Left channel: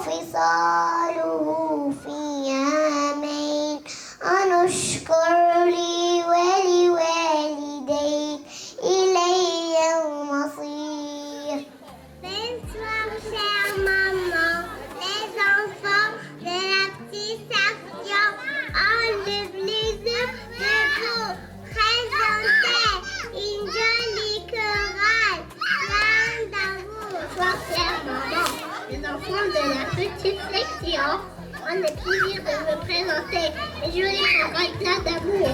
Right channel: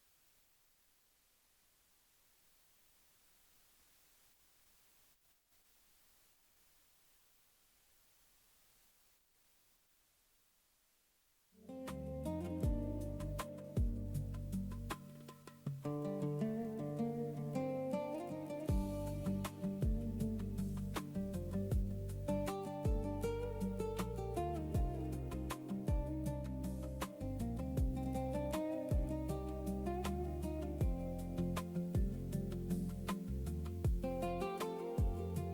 وفصاله في عامين أن اشكر لي ولوالديك إلي المصير. Bonsoir, chère maman. Les enfants de la petite section enlèvent les œufs de vous. Présentez une jolie chorale. Plein d'amour. Bonsoir, chère maman. Les enfants de la petite section ont le plaisir de me présenter une jolie chorale plein d'amour.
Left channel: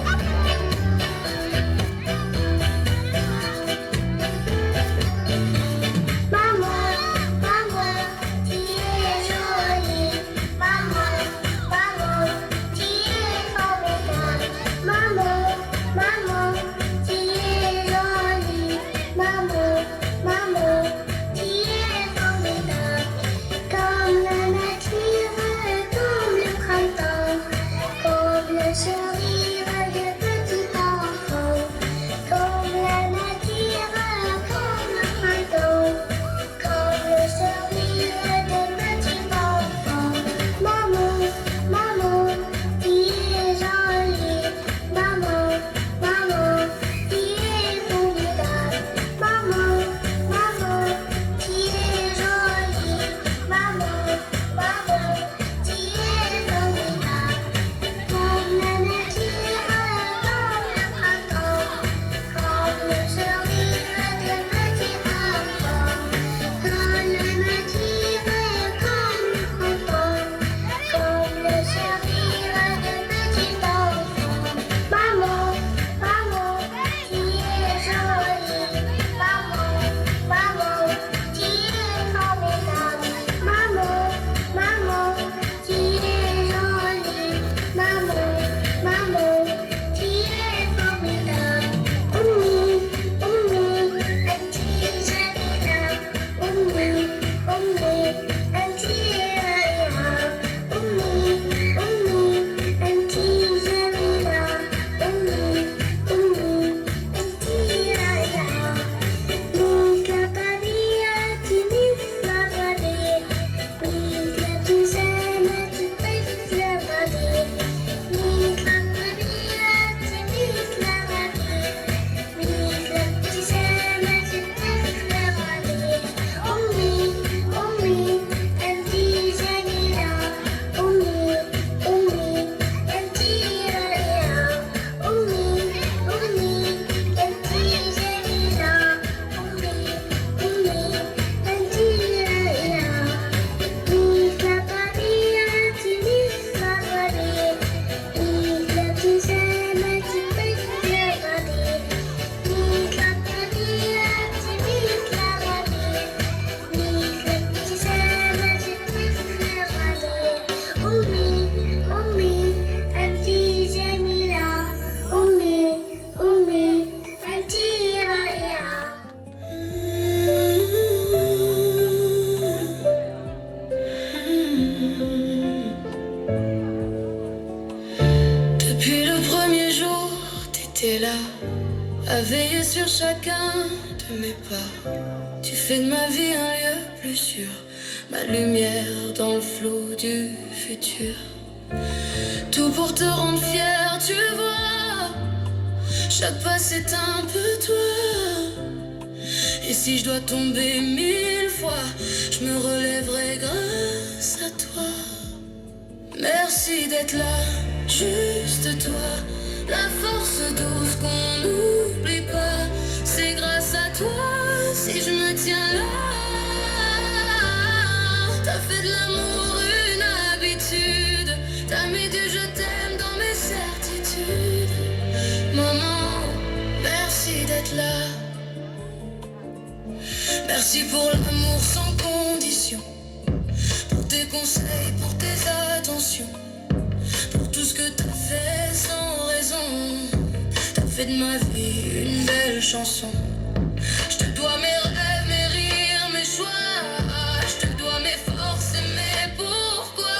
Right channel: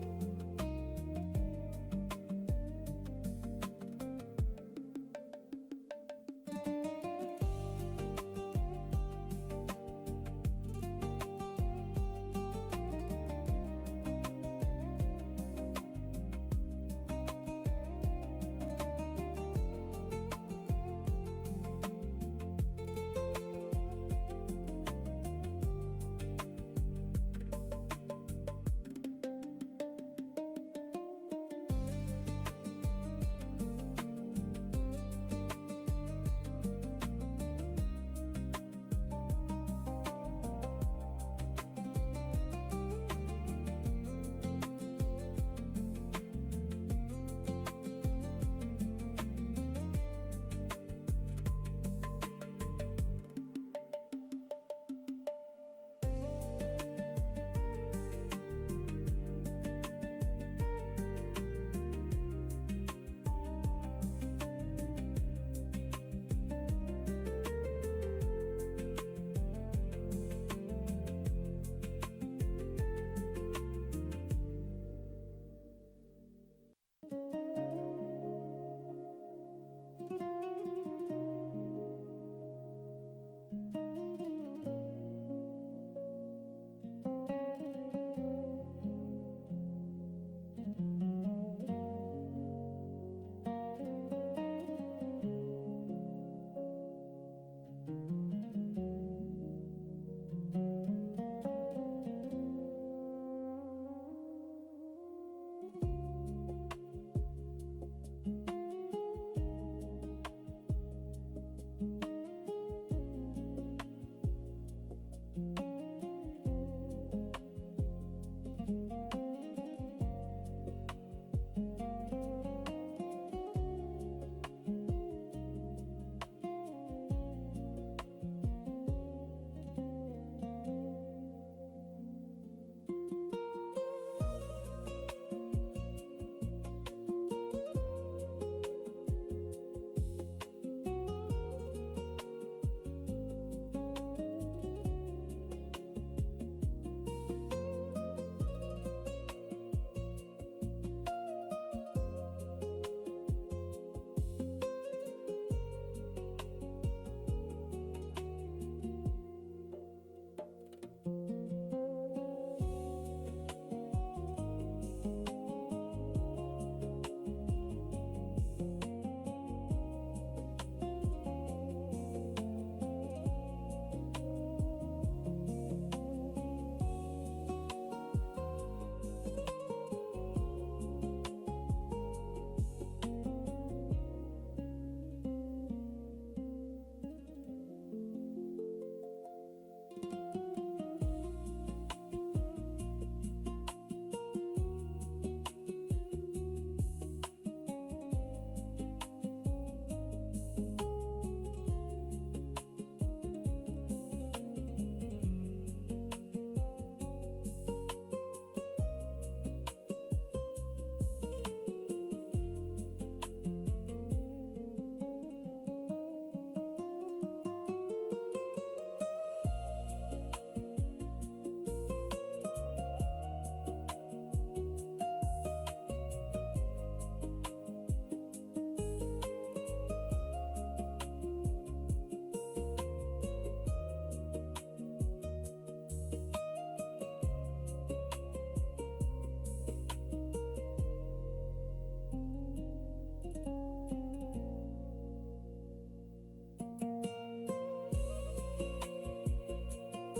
À veiller sur chacun de mes pas. Tu fais de ma vie un lieu plus sûr, ma lumière dans le flot du futur. Tout pour te rendre fier, tu vois. Chaque pas c'est un peu toi. Et si je dois tomber 1000 fois, je me relèverai grâce à toi. Merci d'être là, juste toi. La force douce qu'on n'oublie pas. C'est grâce à toi si je me tiens là. T'as fait de l'amour une habitude. T'as mis du je t'aime dans mes certitudes. Maman, merci d'être là. Merci pour l'amour sans condition. Pour tes conseils, pour tes attentions. Pour tout ce que t'as fait sans raison. T'as fait de ma vie une belle chanson. Je te dois mes rêves, mes rires, mes choix. Je te dois mes forces et mes pourquoi.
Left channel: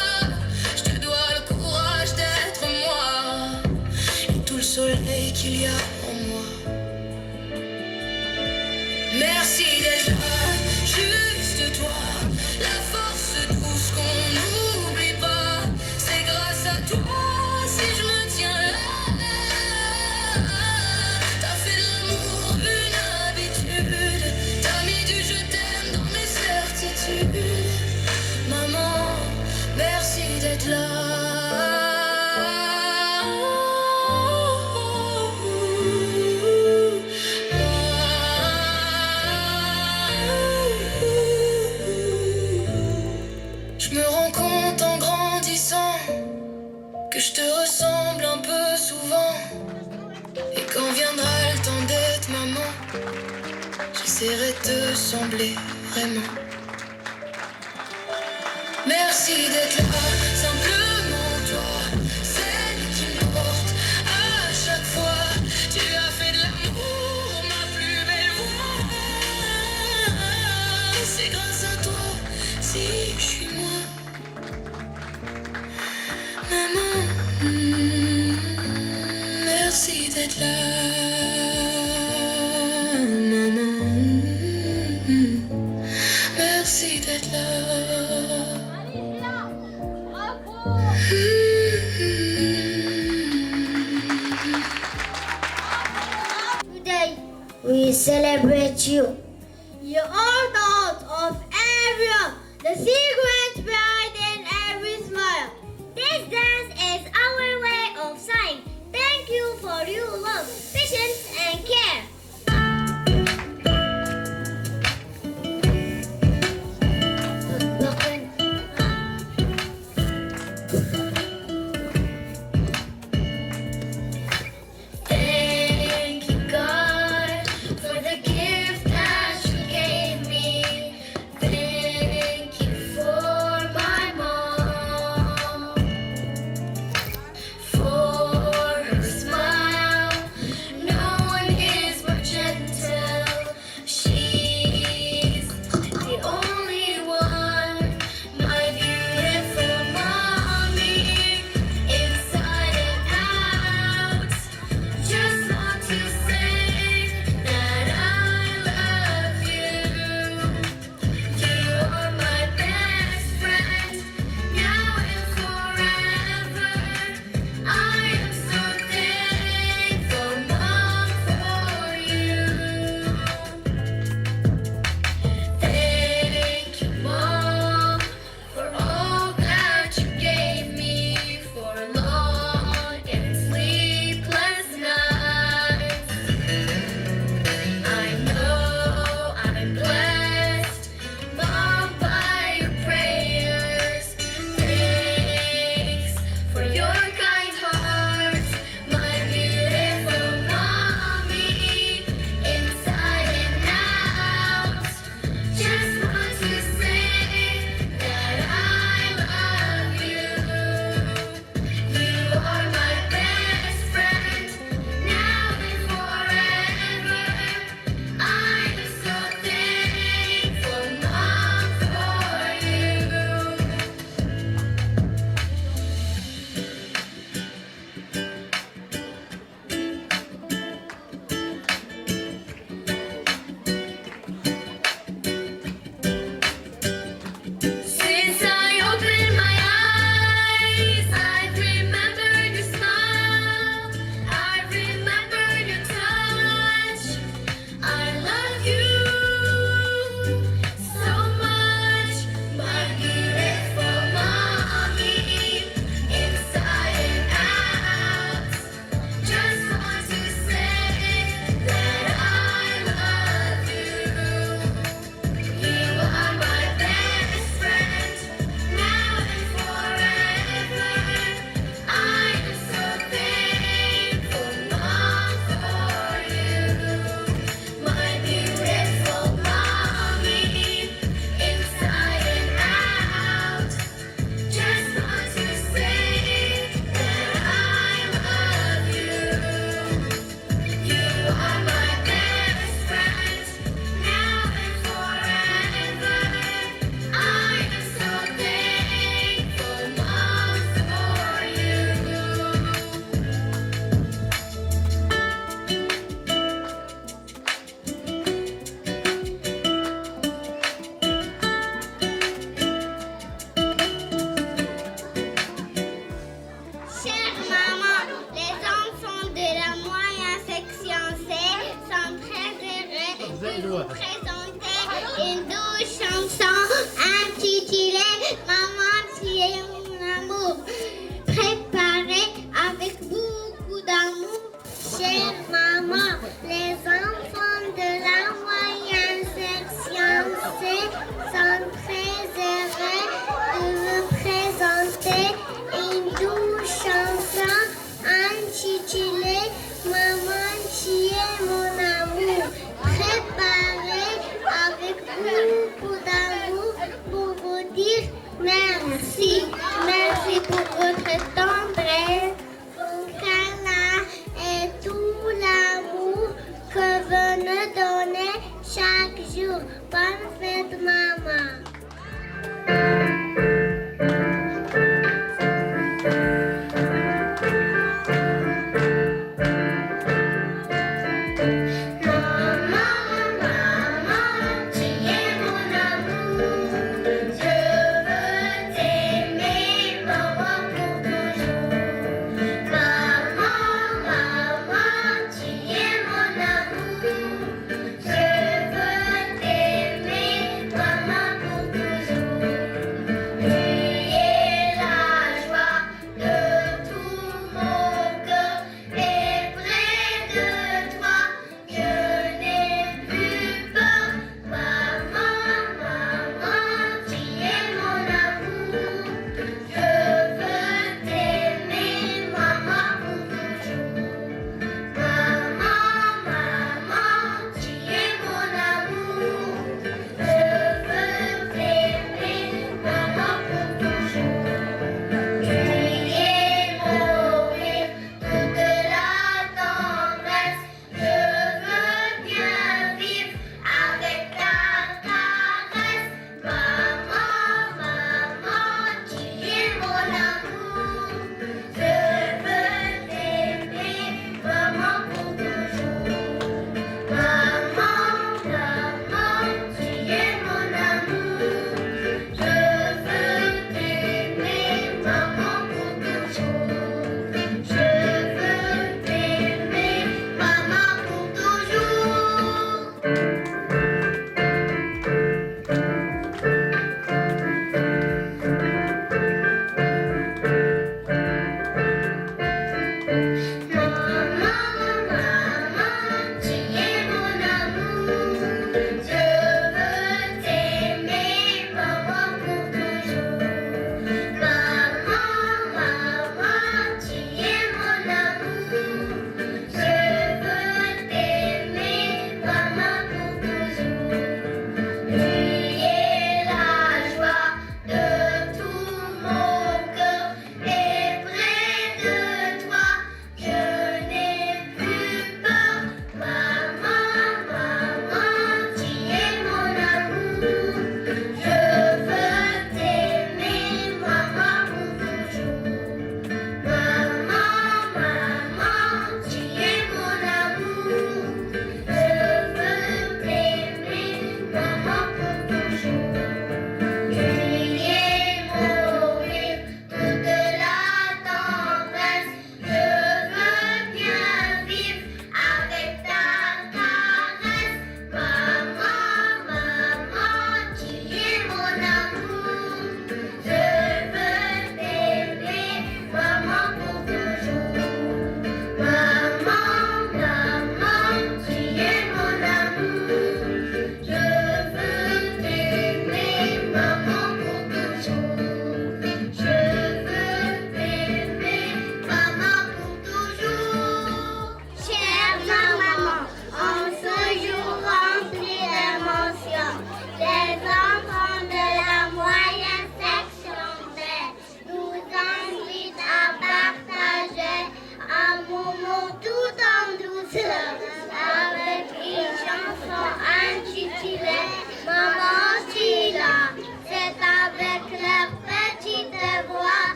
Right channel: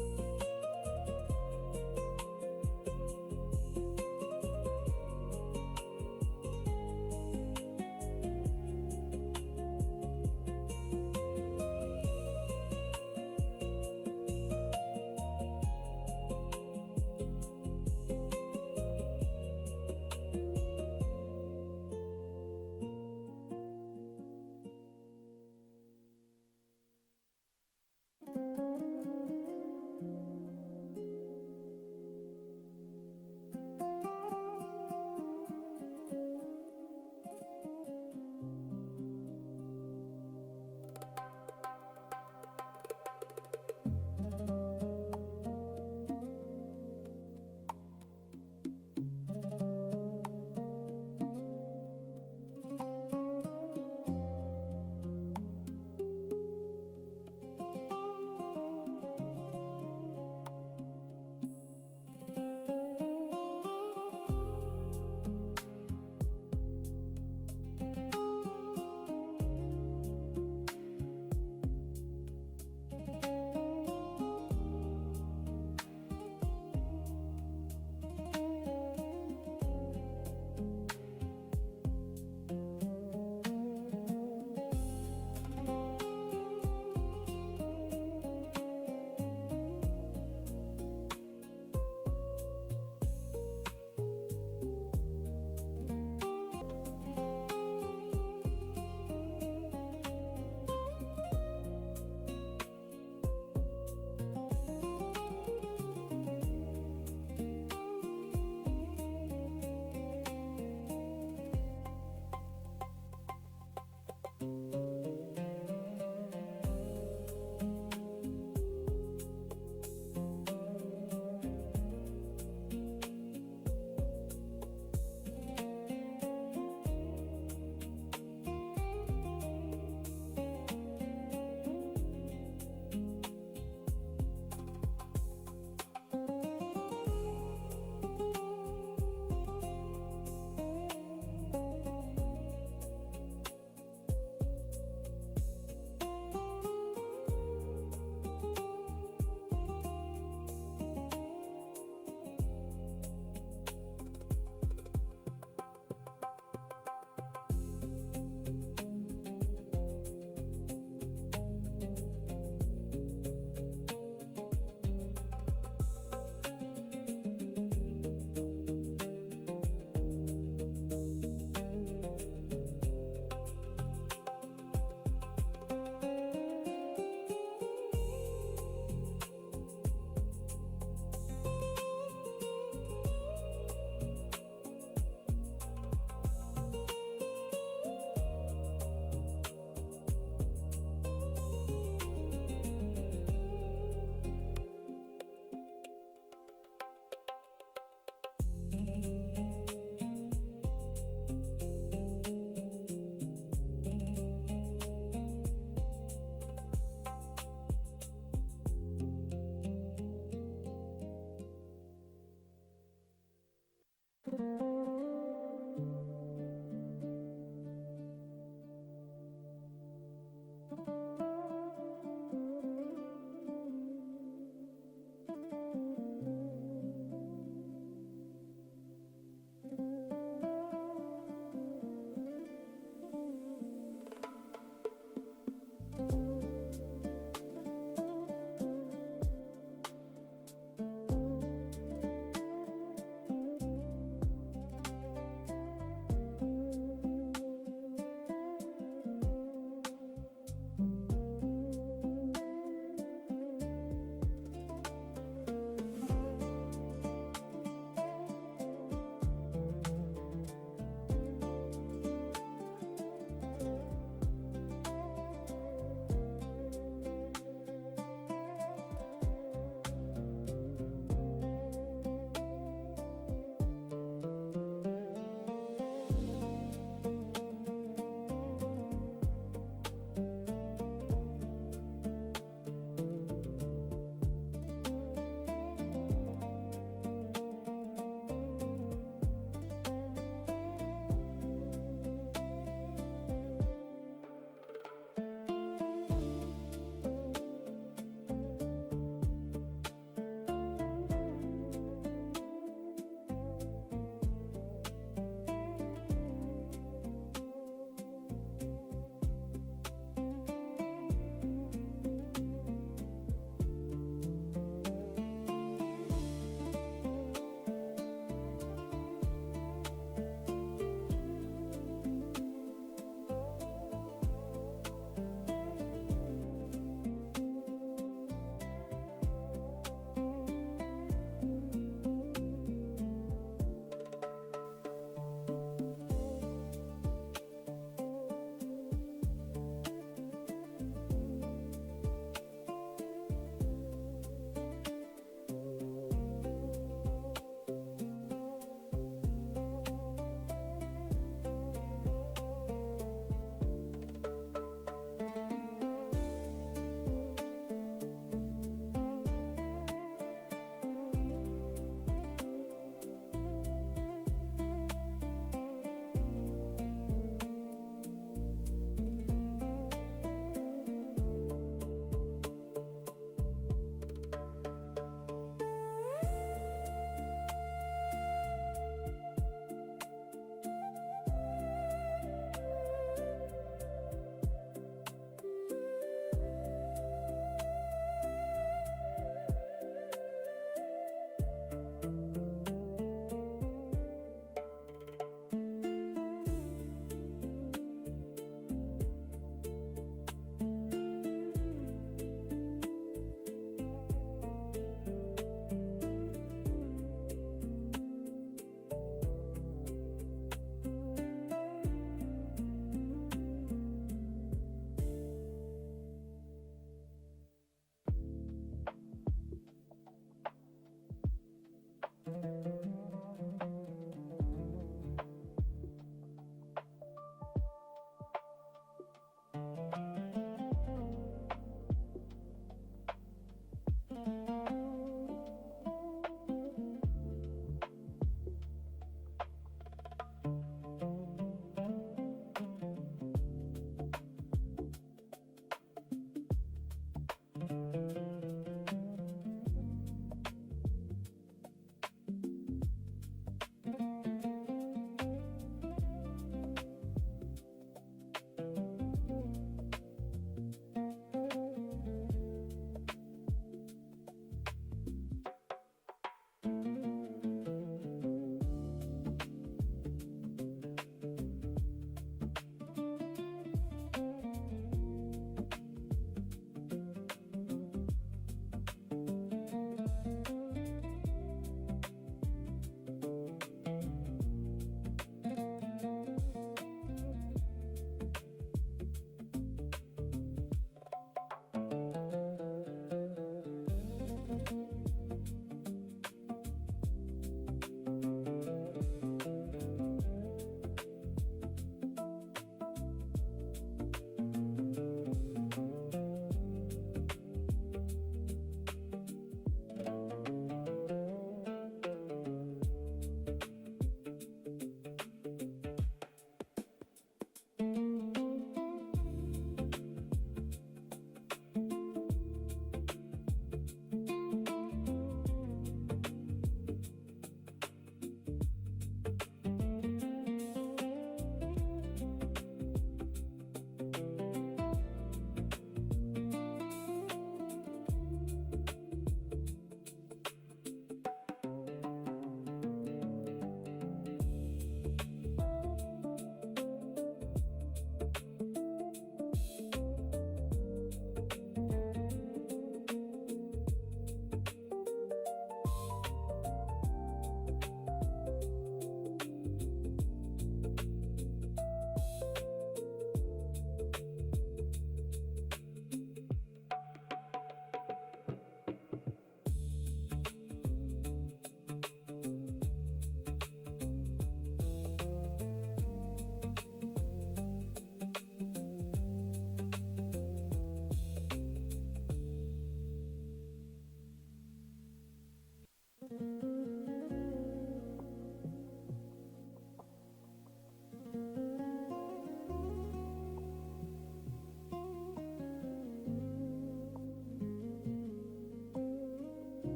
Je te dois le courage d'être moi. Et tout le soleil qu'il y a en moi. Merci d'être là, juste toi. La force douce qu'on j'essaierai de sembler vraiment. Merci d'être là, simplement toi, celle qui me porte à chaque fois. Tu as fait de l'amour ma plus belle voix. C'est grâce à toi si je suis moi. Maman, merci d'être là. Maman, merci d'être là. Today we celebrate you. You are the heart of everyone, the secret behind in every smile. This dance is our way of saying thank you for your love, patience, and care. Thank you, God, for the gift that you gave me. Thank you for my mom, for her smile. No one is more gentle. She's the only one, my beautiful mommy, inside and out. Just want to say that I love you. You are my best friend, now and forever. I am so thankful, Mom, for you. Thank you, Mom, for all that you gave me, for long and sleepless nights. I know I'm blessed, Mom, by your prayers. Thanks for your kind heart, my beautiful mommy, inside and out. Just want to say that I love you. You are my best friend, now and forever. I am so thankful, Mom, for you. Since I opened my eyes, I've remembered your smile. I've remembered your touch. I love you so much, my beautiful mommy, inside and out. Just want to say that I love you. You are my best friend, now and forever. I am so thankful, Mom, for you. My beautiful mommy, inside and out. Just want to say that I love you. You are my best friend, now and forever. I am so thankful, Mom, for you. Chère maman, les enfants de la moyenne section C sont très heureux de vous présenter une douce chanson intitulée Maman, tu es mon amour, préparée avec beaucoup d'amour. Chère maman, les enfants de la moyenne section C sont très heureux de vous présenter une douce chanson intitulée Maman, tu es mon amour, préparée nous donner chaque jour. Bonne fête, maman.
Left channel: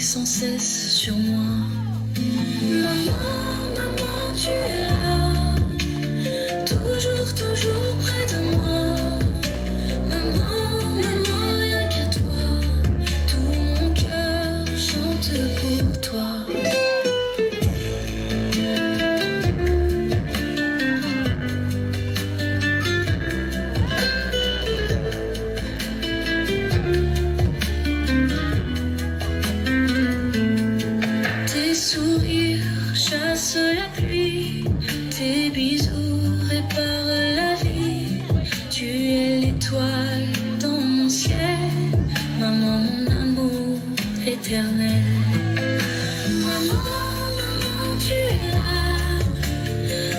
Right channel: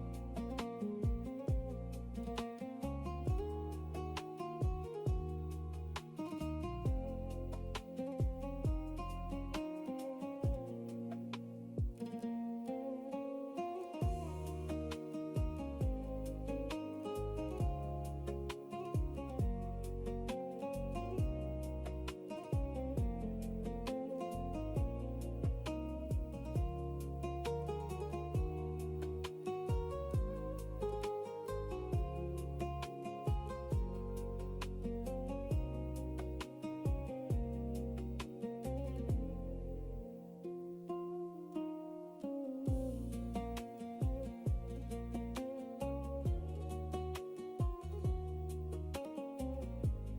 Sans cesse sur moi. Maman, maman, tu es là, toujours, toujours près de moi. Maman, maman, rien qu'à toi, tout mon cœur chante pour toi.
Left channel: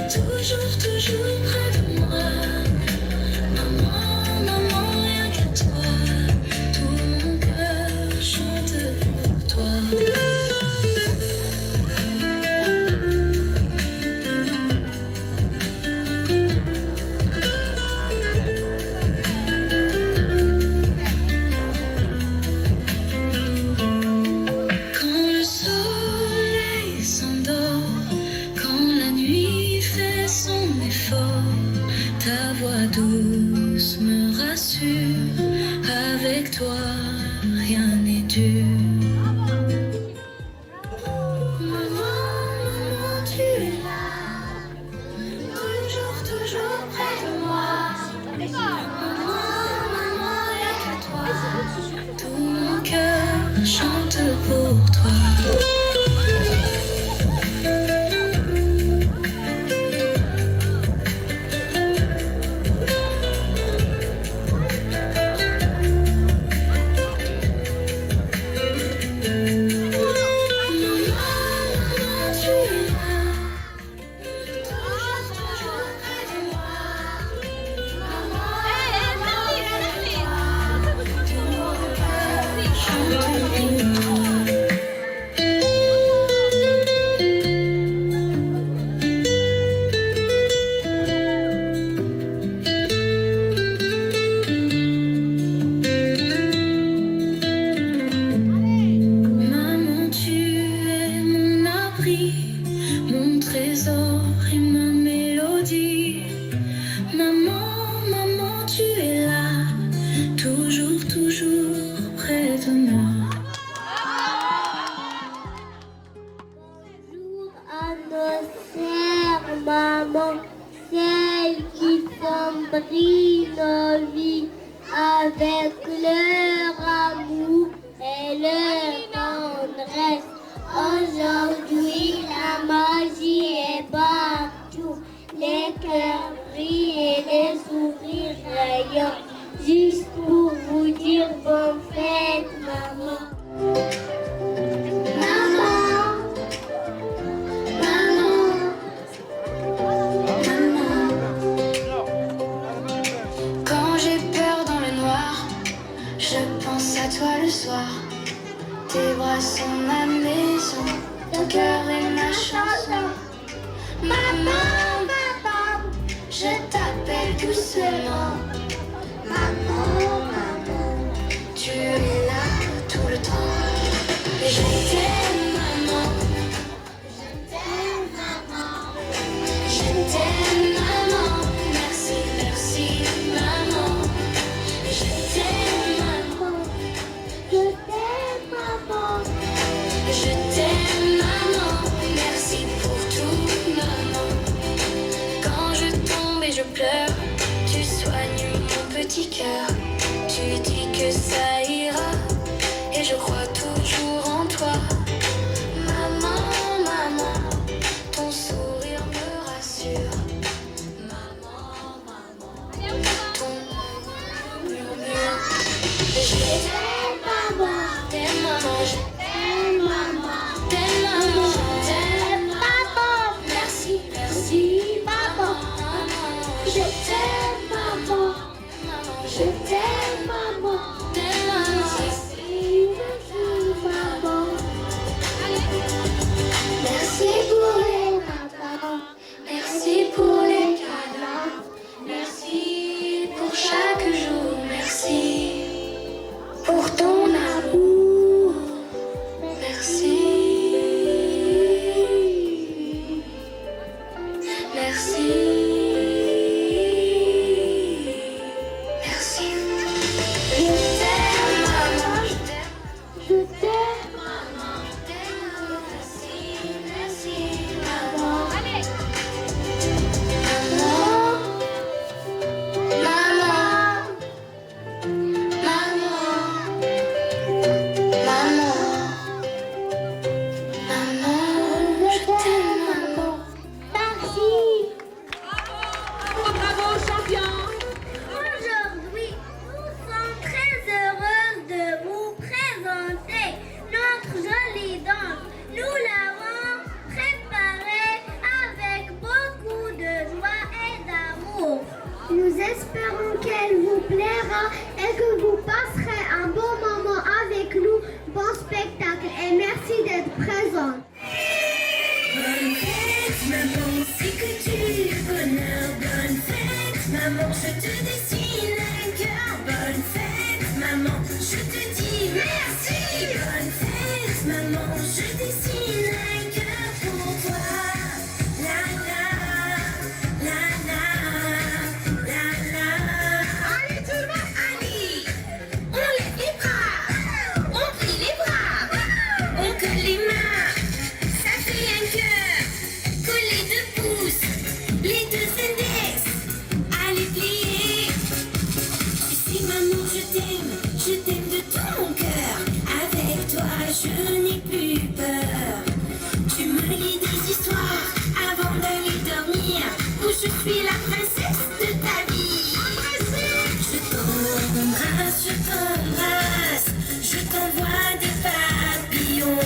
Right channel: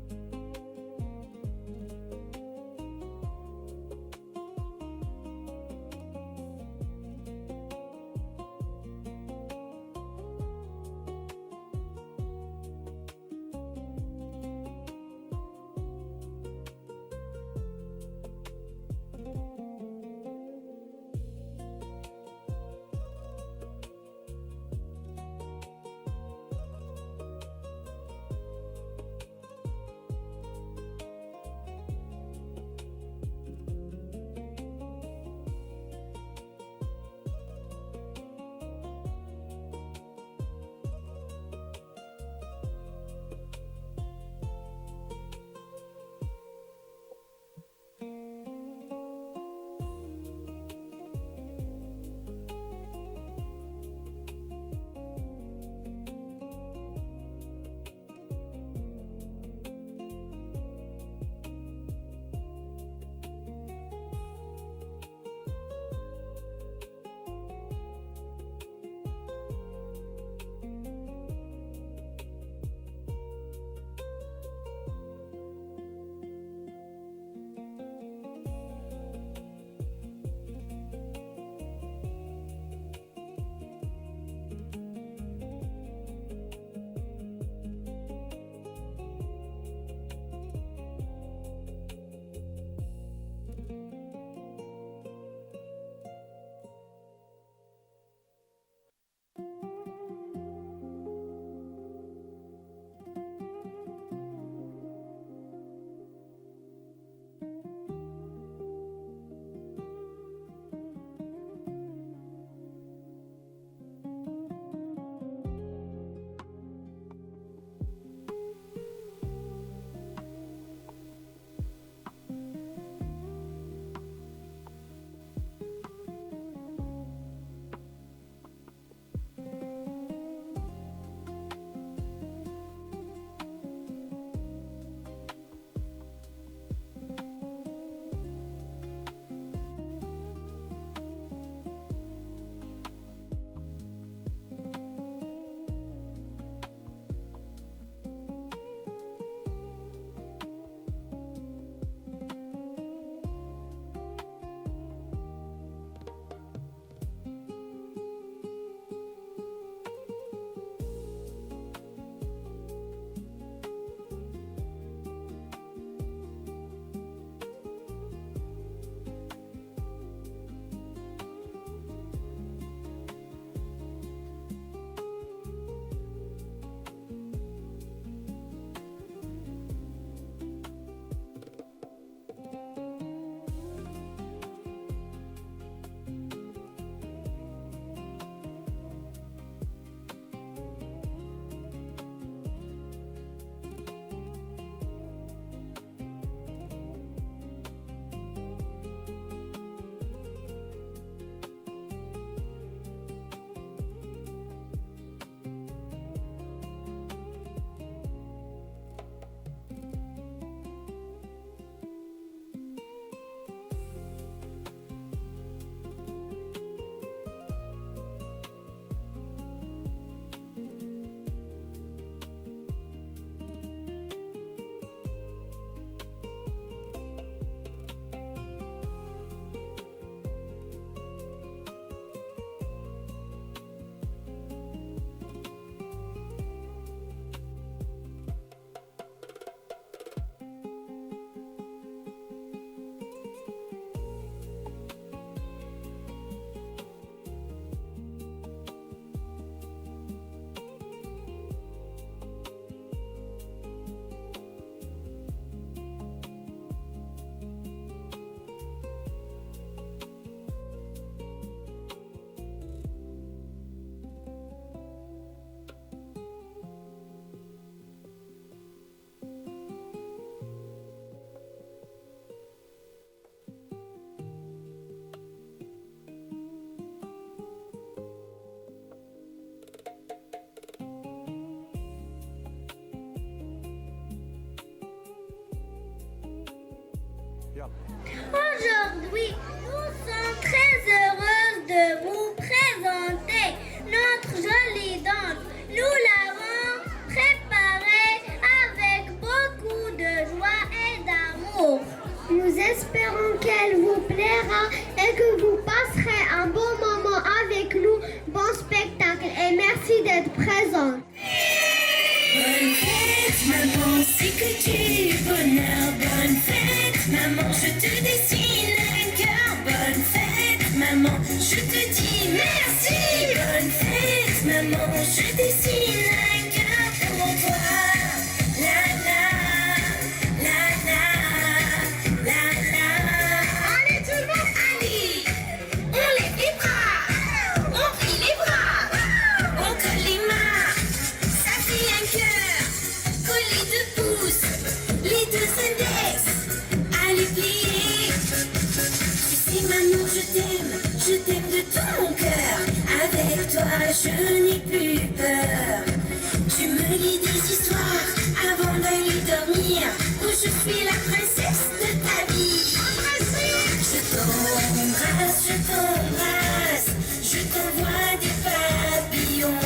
toujours, toujours près de moi. Maman, maman, rien que toi. Tout mon cœur chante pour toi. Quand le soleil s'endort, quand la nuit fait son effort, ta voix douce me rassure. Avec toi, rien n'est dur. Maman, maman, tu es là, toujours, toujours près de moi. Maman, maman, rien que toi. Tout mon cœur chante pour toi. Maman, tu es mon abri, mon trésor et ma mélodie. Maman, maman, tu es là, toujours, toujours près de moi. Bonjour à nos sœurs, maman, celles qui sombrient nos vies avec leur amour et leur tendresse. Aujourd'hui, la magie est partout, les cœurs brillent et les sourires rayonnent. Juste pour vous dire bonne fête, maman. Maman, maman, maman. Quand j'ai peur dans le noir, je pense à toi le soir. Tes bras sont ma maison, ton cœur est ma chanson. Maman, maman, je t'appelle doucement. Maman, maman, tu es là tout le temps. plaira et que vous passerez un bon moment avec nous. Bon spectacle et merci d'être présent. Bonne fête, maman, c'est que tu bonheur. Bonne fête, maman, je te dessine un cœur. Bonne fête, maman, je te dis merci. Bonne fête, maman, je dessine un cœur pour toi. La la, la la, la la. Allez tout le monde, allez, on lève les bras, on plie les bras, on colle les mains. Ça fait un cœur, collé de pouces, les deux index, allez plier. Tu sais maman je t'aime de tout mon cœur. Avec toi je n'ai plus peur. Tu me lis des histoires avant d'aller dormir, où je suis la princesse de ta vie. Je t'embrasse, je t'envoie des papillons.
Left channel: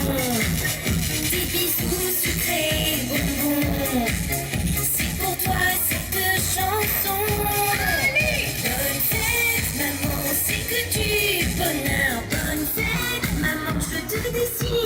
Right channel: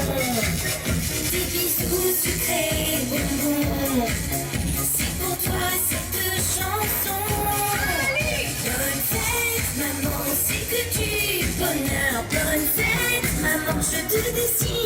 Des bisous sucrés bonbons. C'est pour toi cette chanson. Bonne fête, maman, c'est que du bonheur. Bonne fête, maman, je te dessine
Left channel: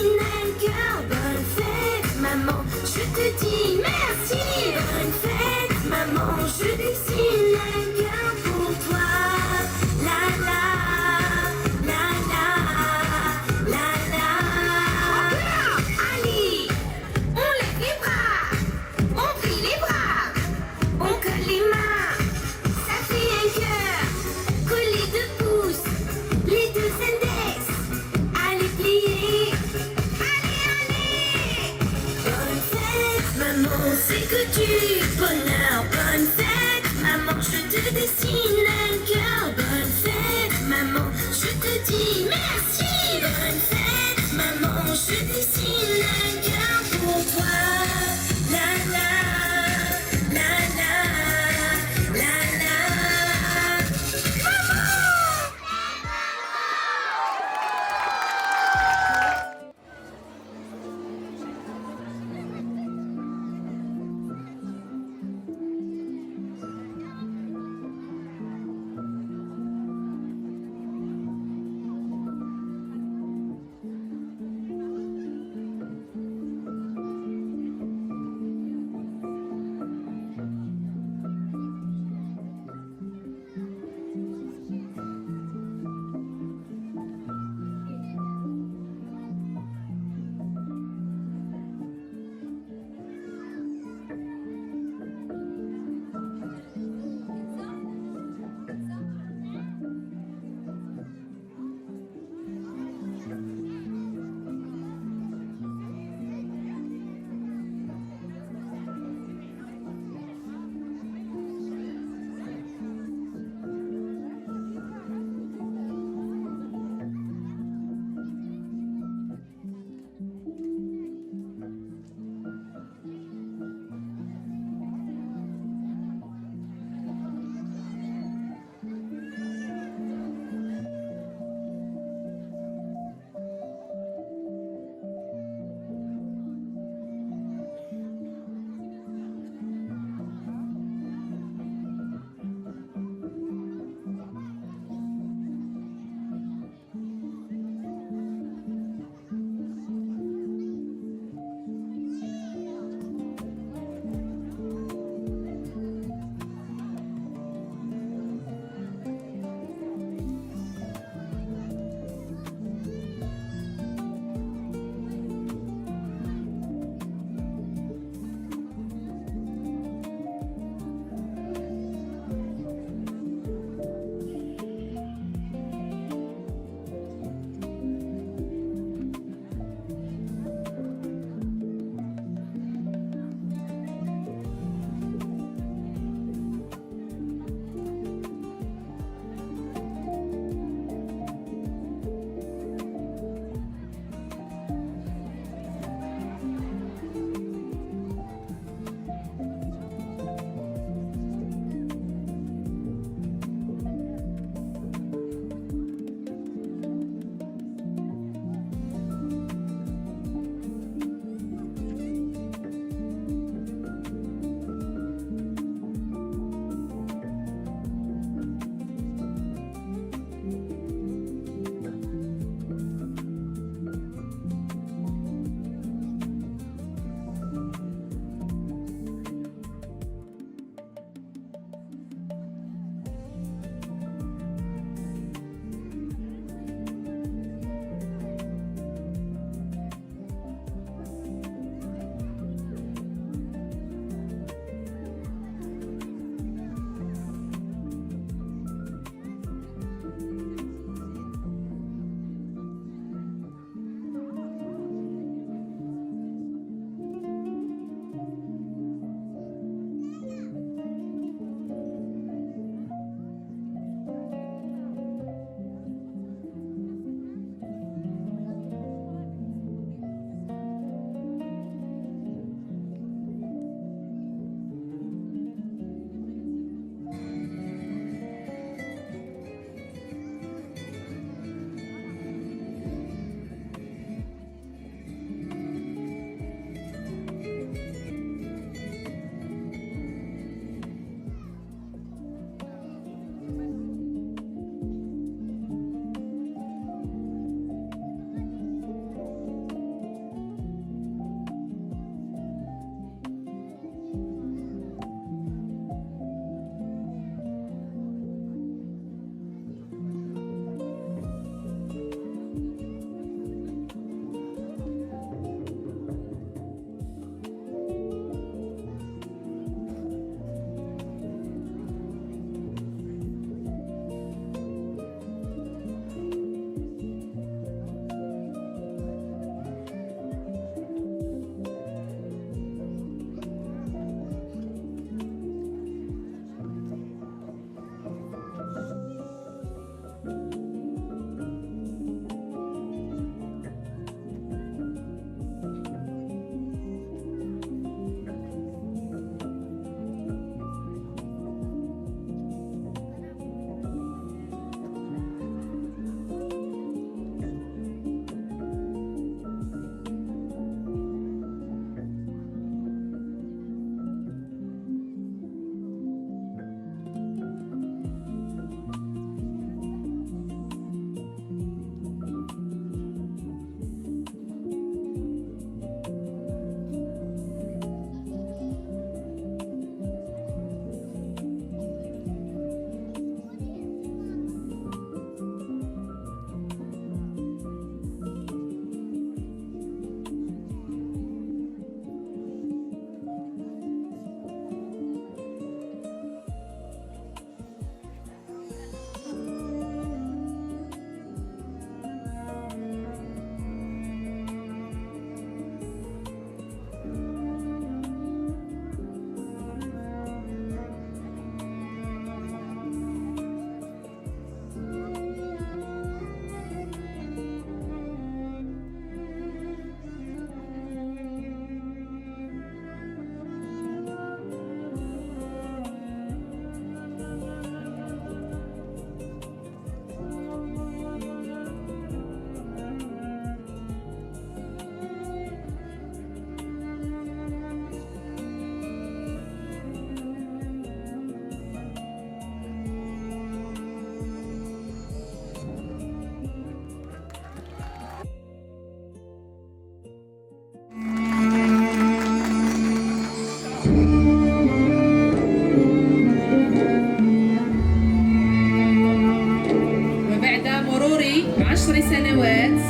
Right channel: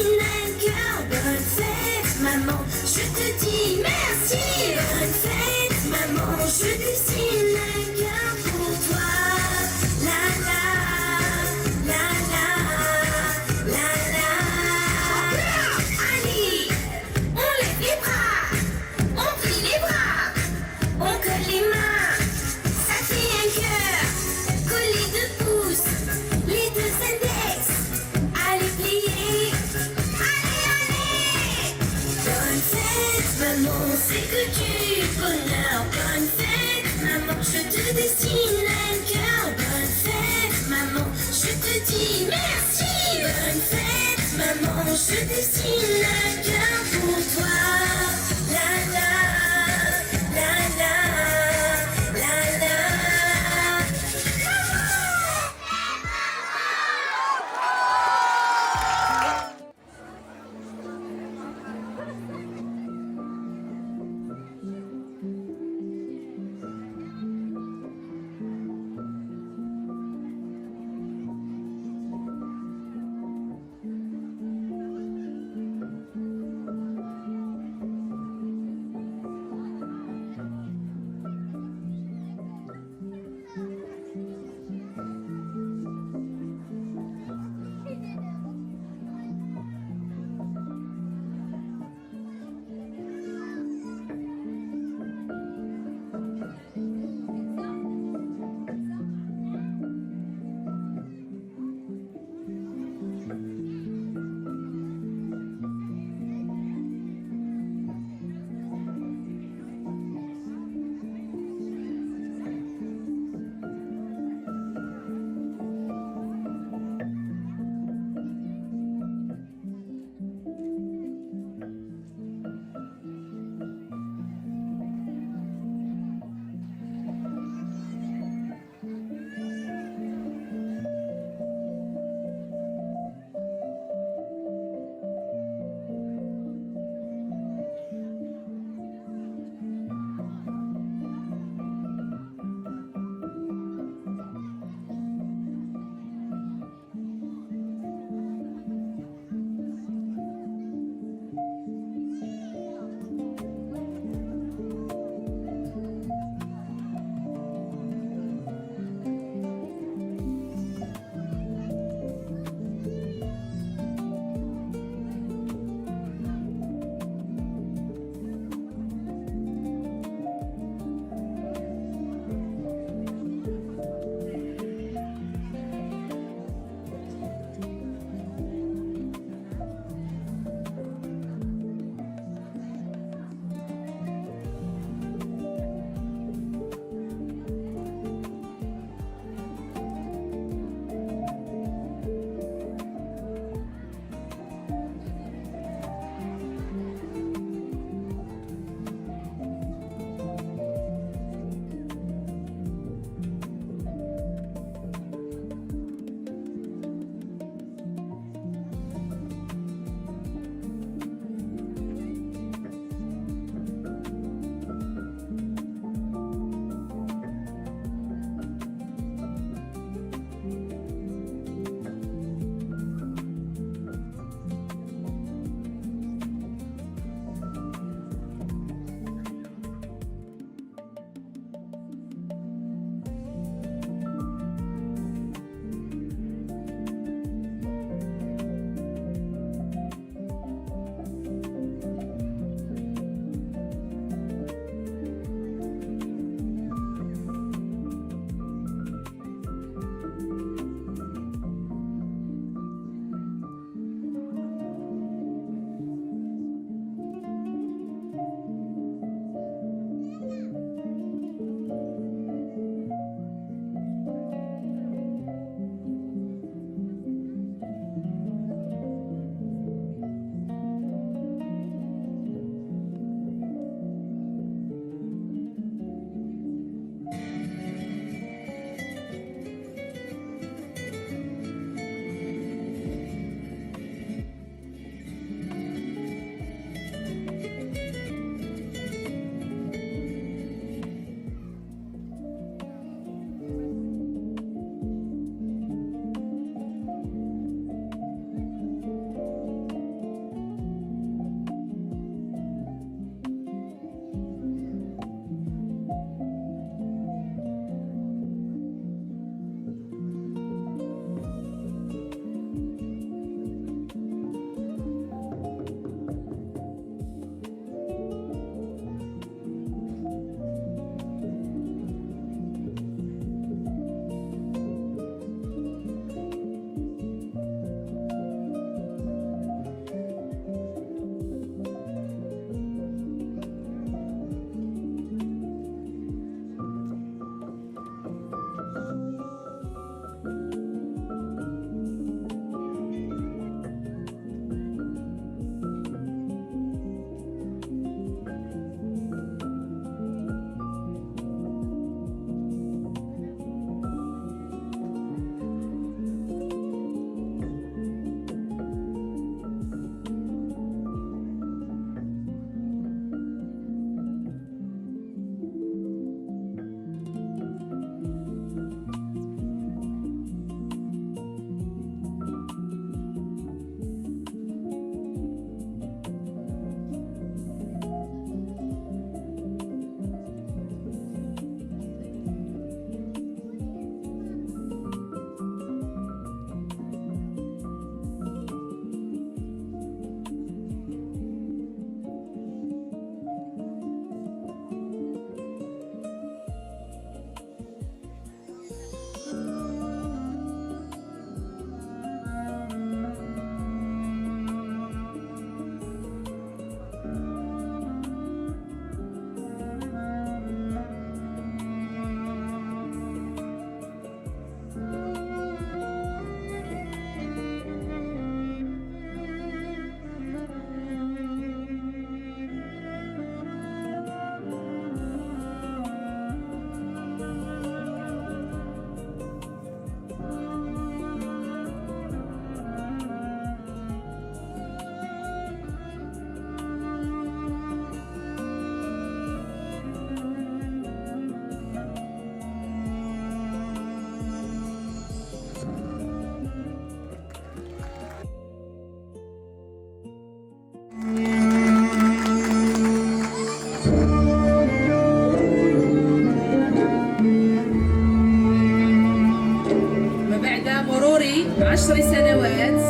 طوال سنوات.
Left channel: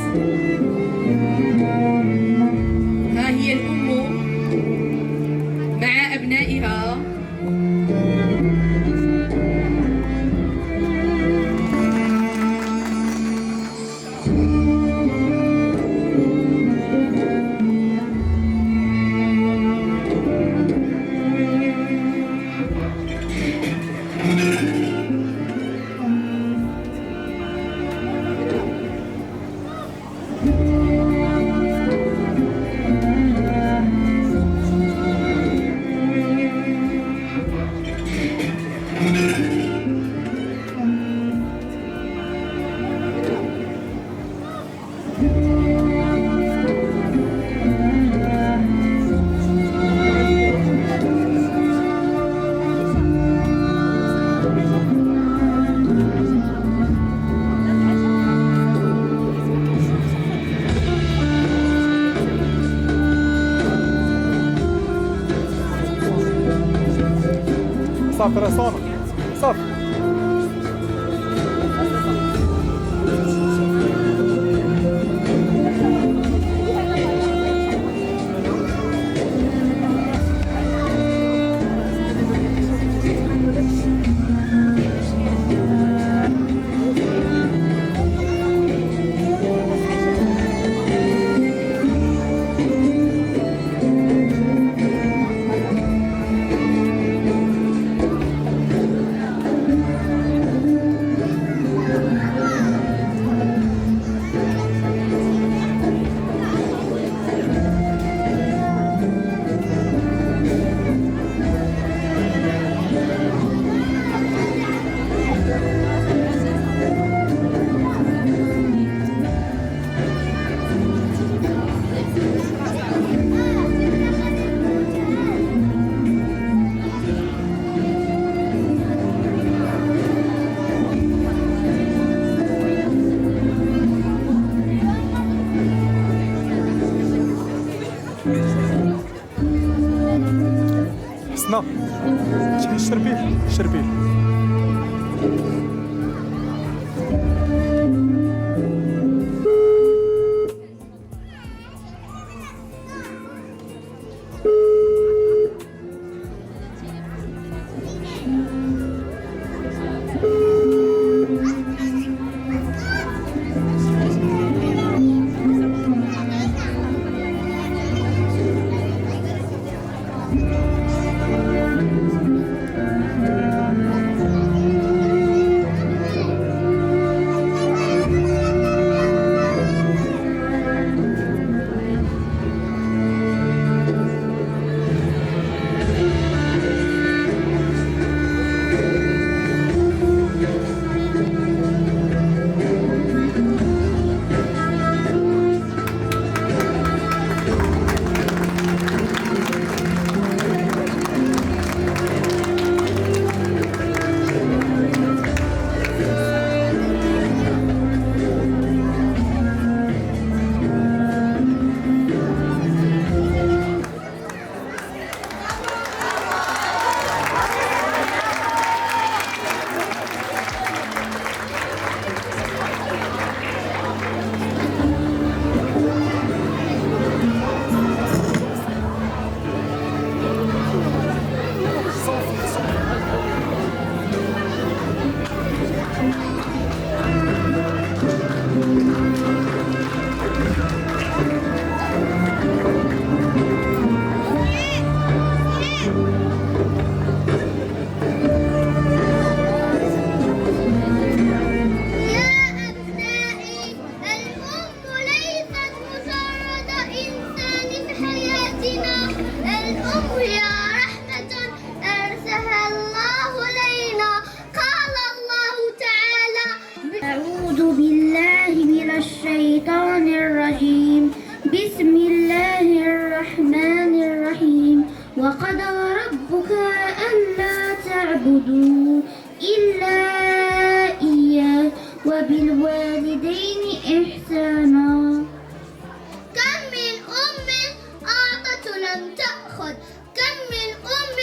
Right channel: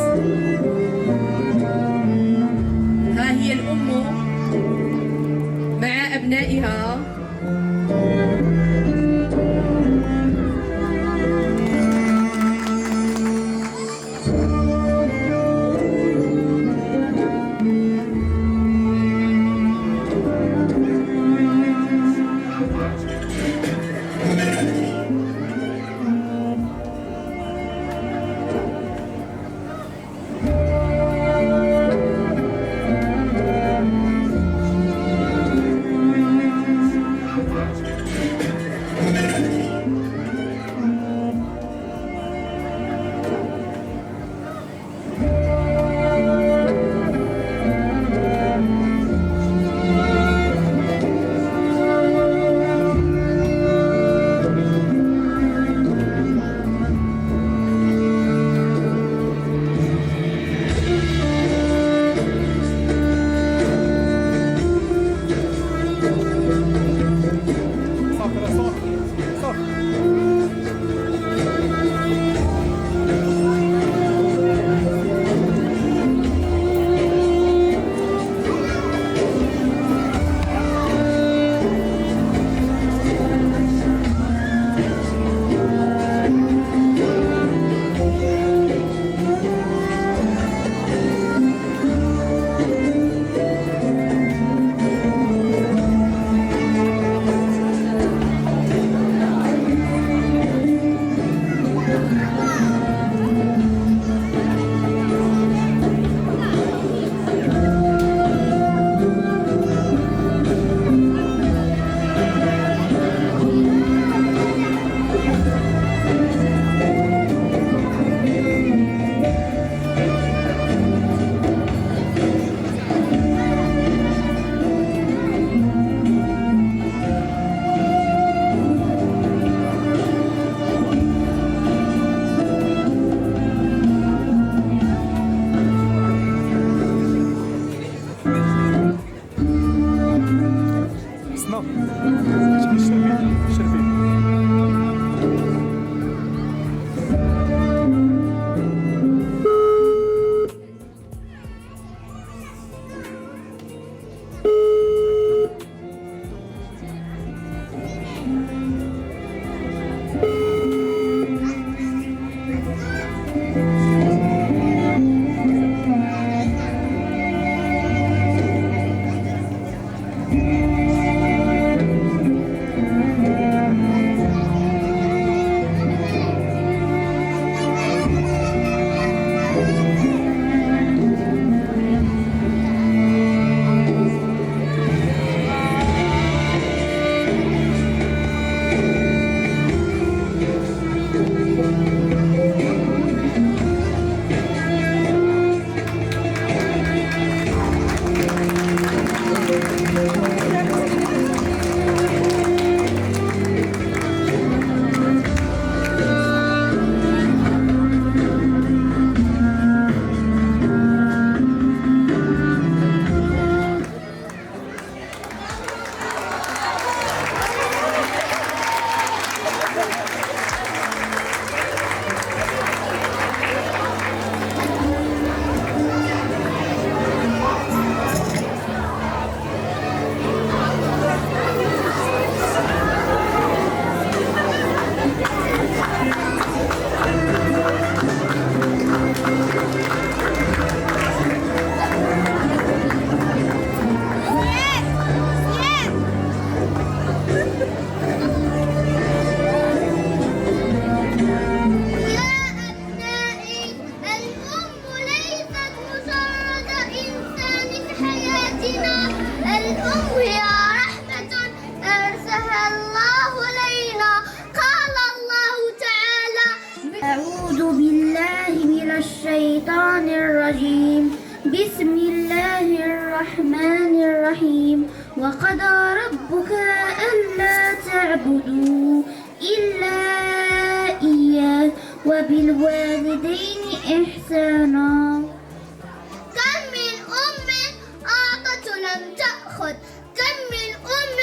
ها هي الأم مع أبنائها. صافي راه صافي صافي. حسنا شربي شربي. الشيطان الرجيم. بسم الله الرحمن الرحيم. وقضى ربك ألا تعبدوا إلا إياه وبالوالدين إحسانا. كم من أم أعطت ولم تأخذ، كم من أم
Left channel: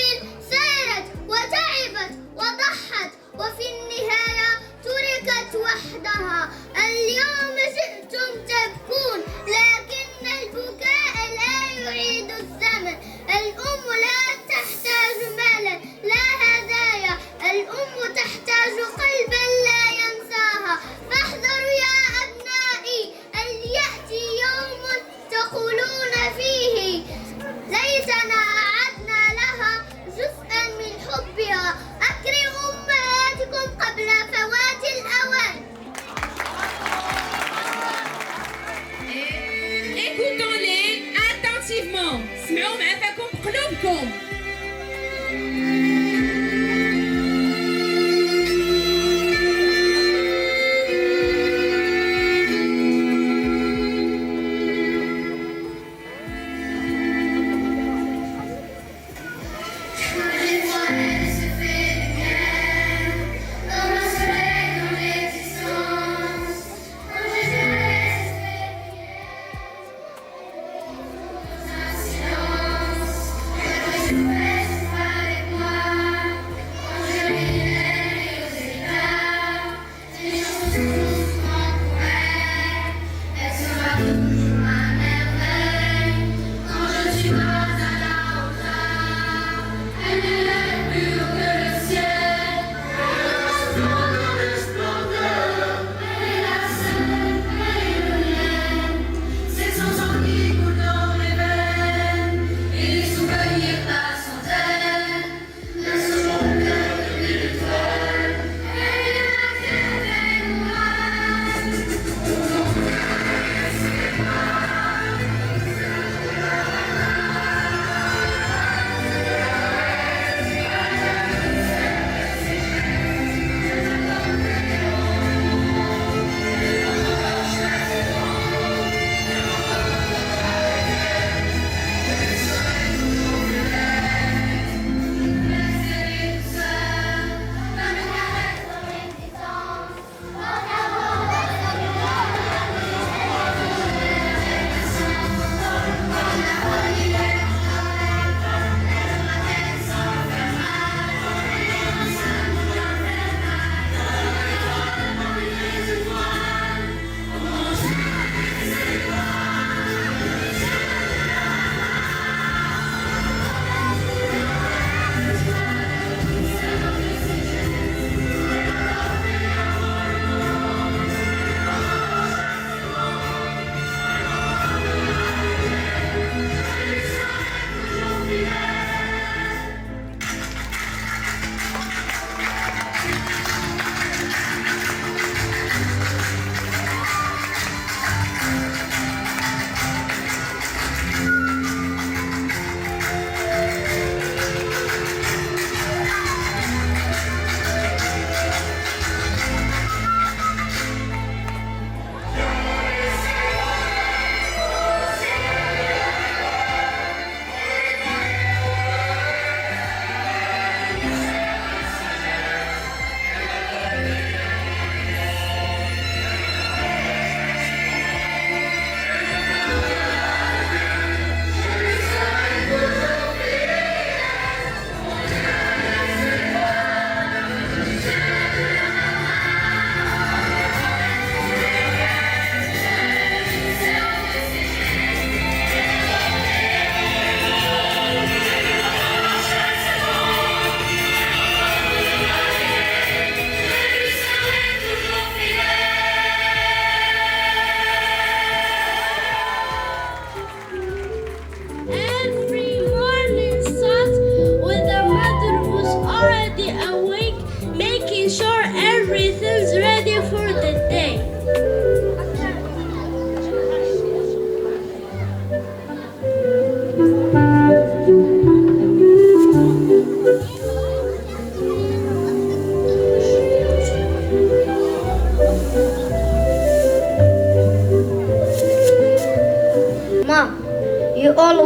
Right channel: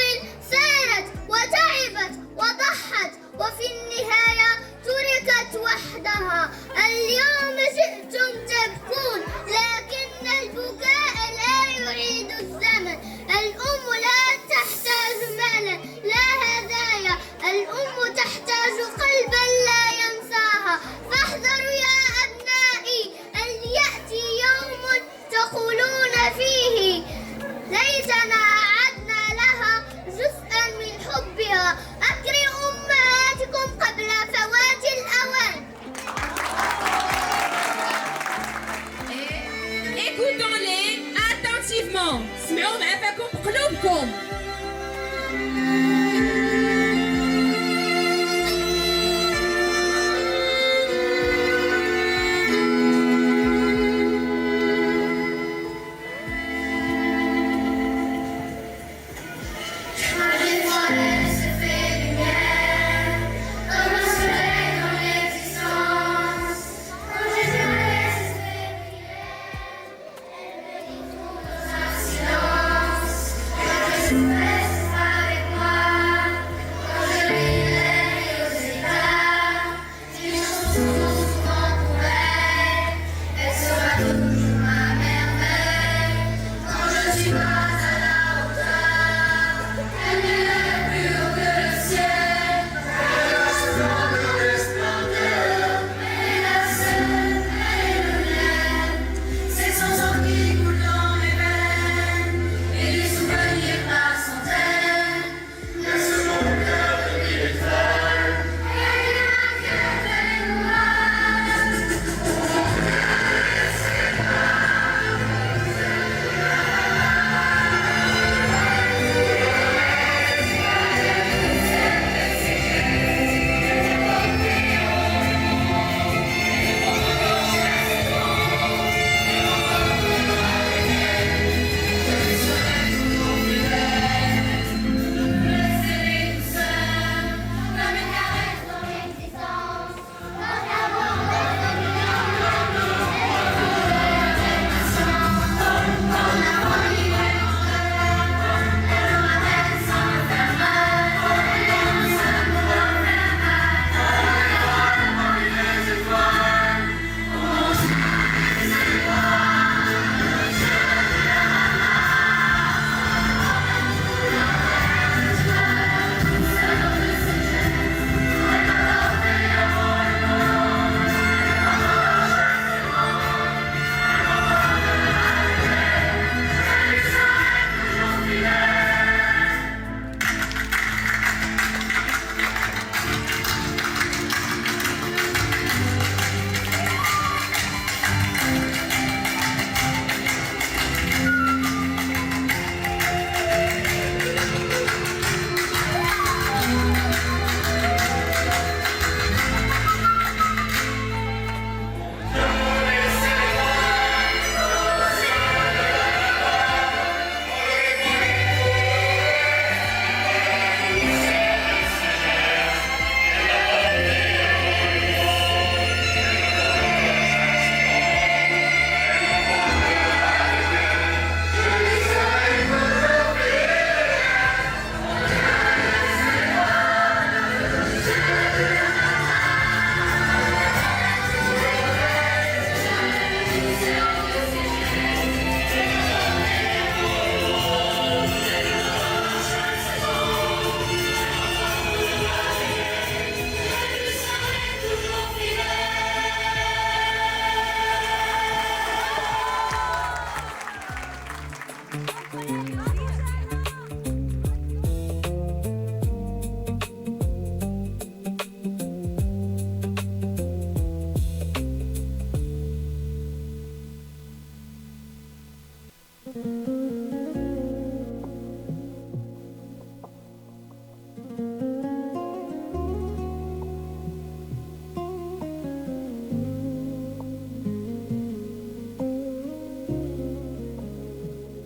سارت وتعبت وضحت وفي النهاية تركت وحدها. اليوم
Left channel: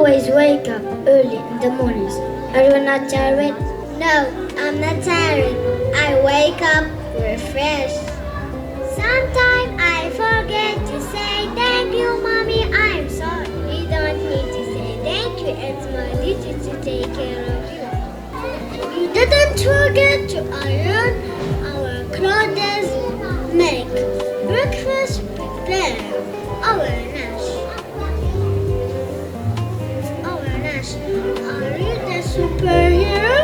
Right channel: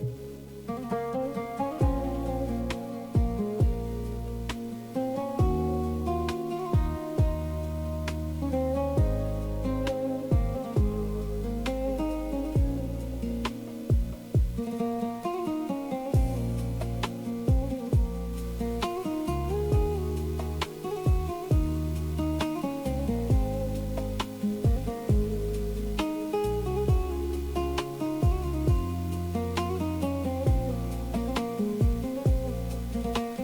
always wake up early in the mornings. Are you not tired? No, I'm not tired. I wake up refreshed. Sometimes I forget to say thank you, Mommy. I'm sorry. You don't need to say thank you. It's my duty to take care of you. You didn't forget to iron our clothes, make breakfast, prepare our lunch. Are you the superhero?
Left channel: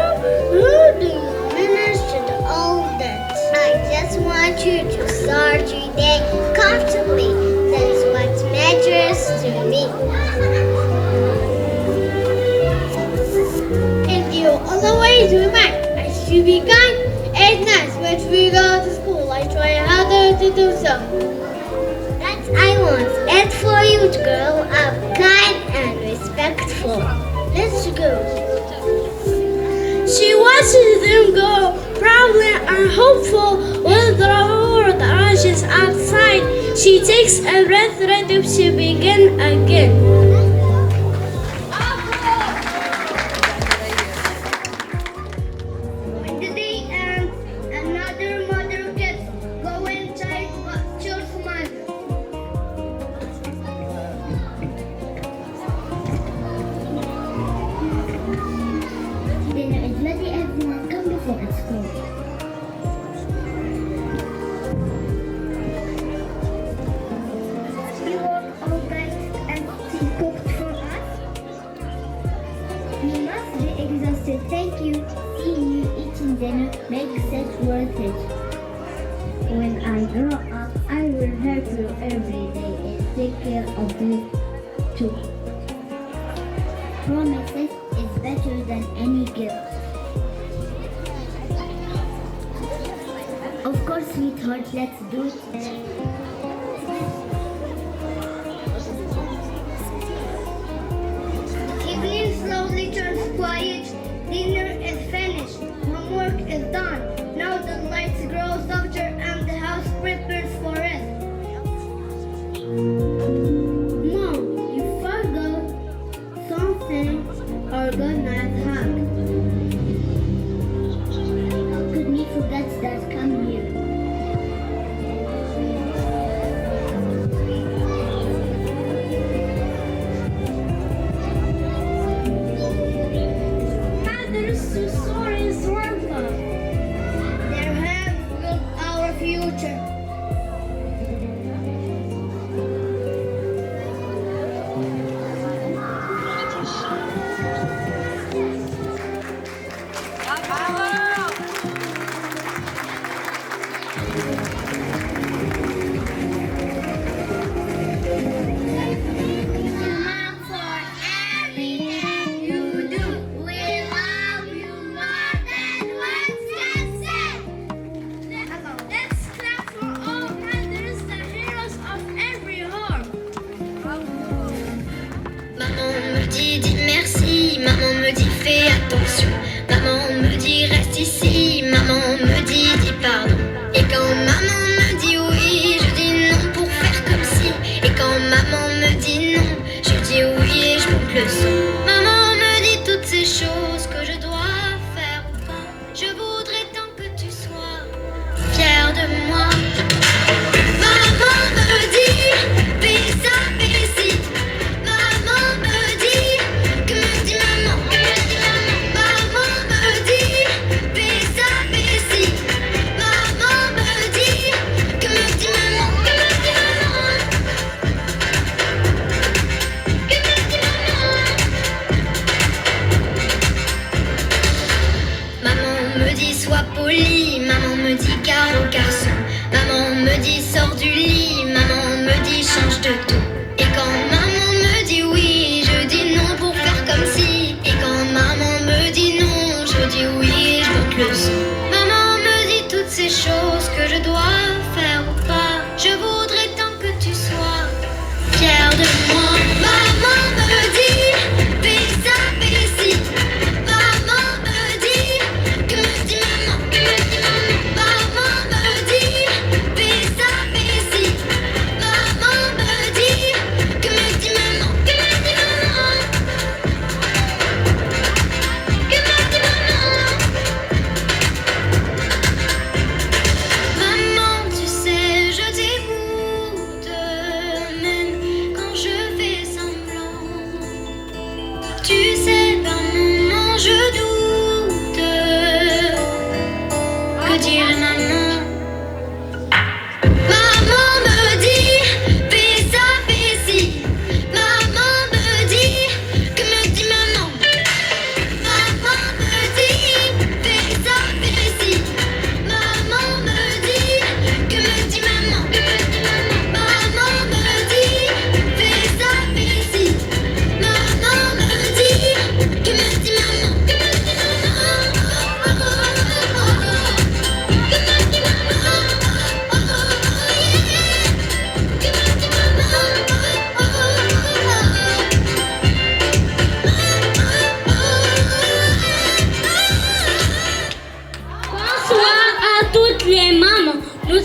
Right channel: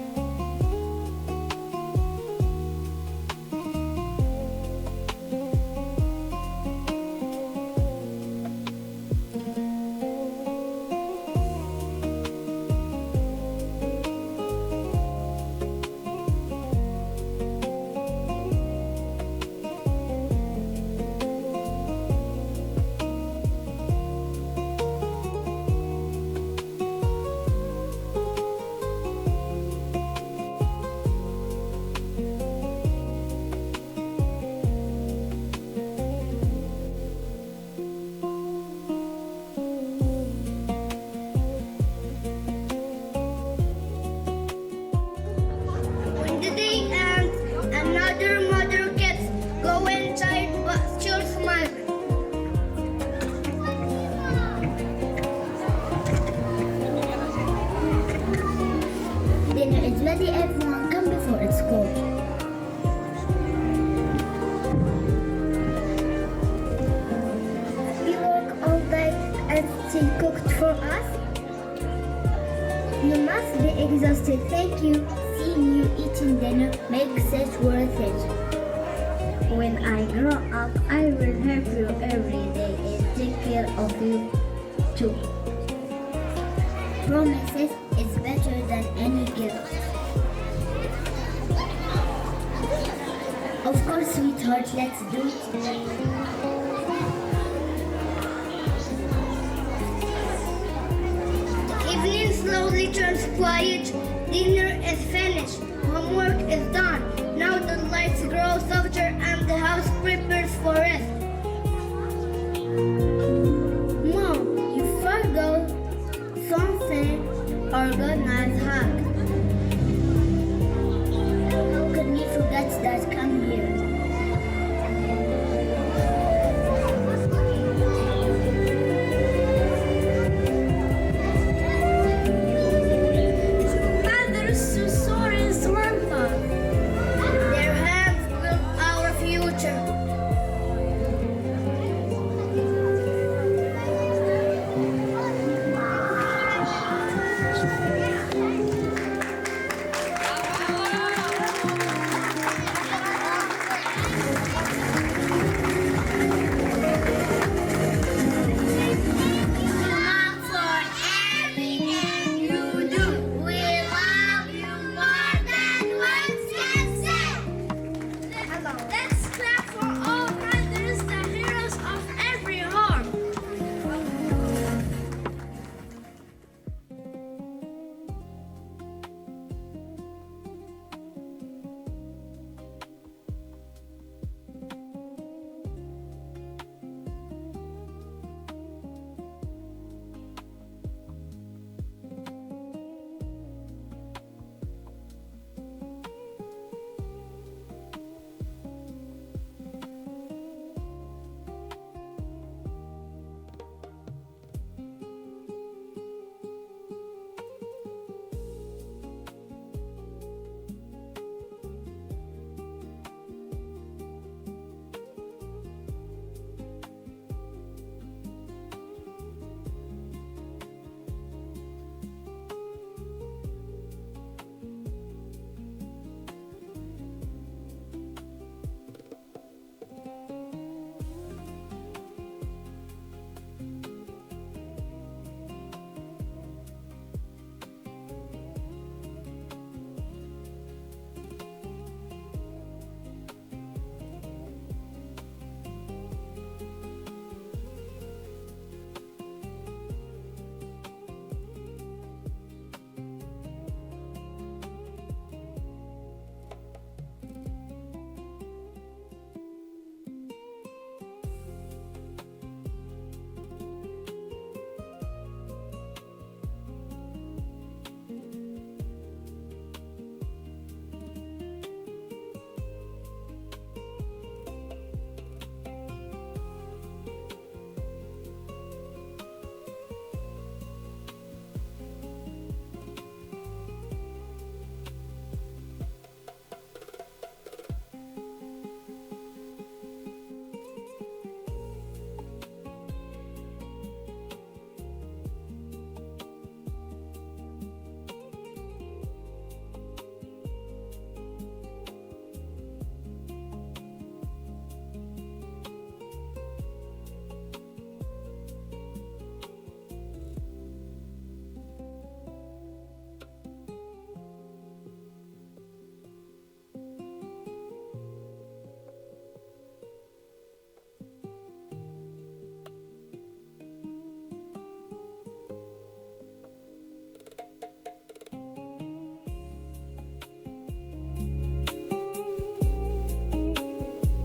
Who do you manage to do all that? I just want you to start your day comfortably. That's what matters to me. And you always remind us to be kind and nice when we go to school. I try harder to do so. That's I want. And for you to grow up kind and respectful. Let's go. She watches them go, proudly and hopeful when the world rushes outside. She takes a breath ready to begin again. When the day ends, another mother kids go inside but still smile. Dinner is ready, everyone come before it's cold. We work all day and still cooked for us. You must be exhausted, thank you. Seeing you eating dinner makes it worth it. When I grow up, I will help you every day and take care of you too. Promises is better than any gift. Of course, sweetheart, let's do it. Evening slowly turns quiet. Dinner is finished. Homework is done. Now the lights grow softer and the house prepares for rest. Mom, you forgot something. Organize hug. Could me forget that come here. Mothers so sorry and scornful. Their hands build our future. Mom, for everything you do, we love you more than words can say. Let's clap for all mothers, the heroes of every home. Maman me dit dis merci, maman me dit fais attention, maman me dit reste ici, maman me dit dis pardon. Et quand maman me dit oui, je dis non pour faire comme si. Et quand maman me dit non, je dis oui et je monte le son. Maman me dit toutes ces choses que je dois faire ou pas. Je voudrais tant que tu sois fier de moi. Maman me dit fais ça, fais ci. Maman me dit, que me dit maman, que me dit maman. Maman me dit, fais ça, fais ci. Maman me dit, que me dit maman, que me dit maman. Que me dit maman. Maman me dit sois poli, maman me dit garde au garçon. Maman me dit sors du lit, maman me dit change de tout. Et quand maman me dit oui, je dis non pour faire comme si. Et quand maman me dit non, je dis oui et je monte le son. Maman me dit toutes ces choses que je dois faire ou pas. Je voudrais tant que tu sois fier de moi. Maman me dit fais ça, fais ci. Maman me dit, que me dit maman, que me dit maman. Maman me dit fais ça, fais ci. Maman me dit,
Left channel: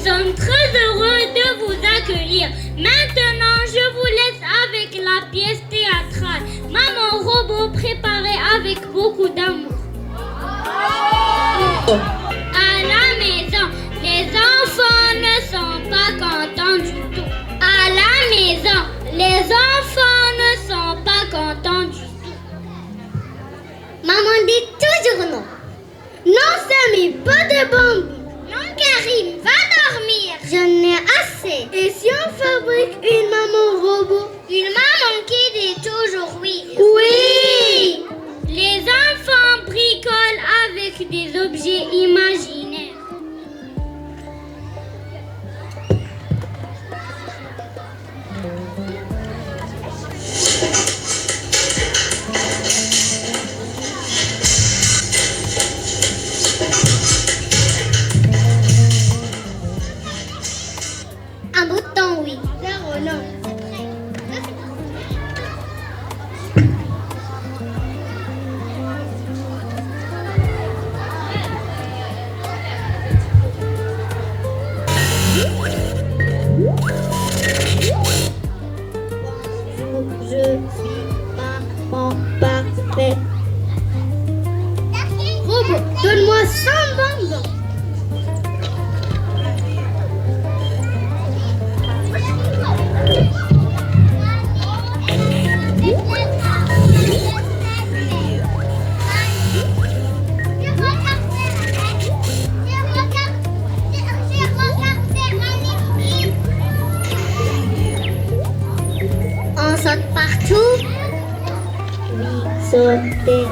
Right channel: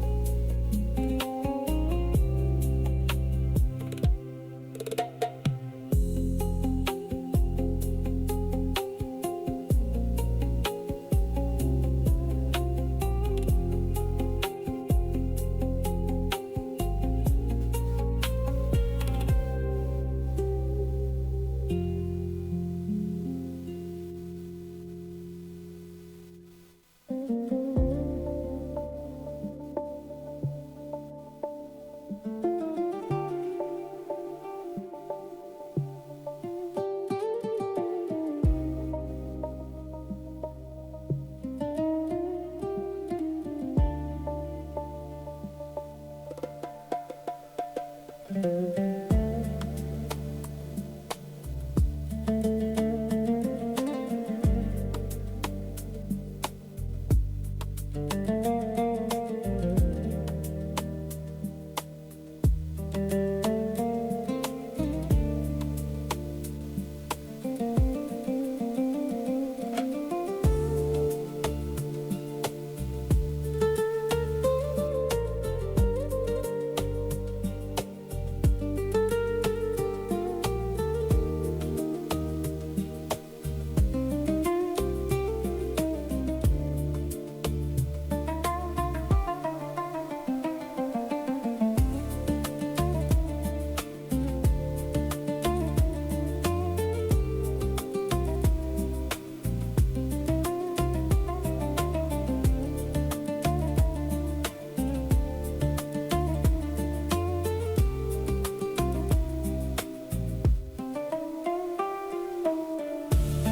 sommes très heureux de vous accueillir. Maintenant, je vous laisse avec la pièce théâtrale Maman Robot préparée avec beaucoup d'amour. À la maison, les enfants ne sont pas contents du tout. À la maison, les enfants ne sont pas contents du tout. Maman dit toujours non. Non, Samy, pas de bambou. Non, Karim, va dormir. J'en ai assez. Et si on fabrique une maman robot? Une maman qui dit toujours oui. Oui. Les enfants bricolent avec des objets imaginaires. Un bouton, oui. Zéro, non. Je suis maman parfaite. Robot, donne-moi 100 bonbons. On saute partout. Oui, sauter.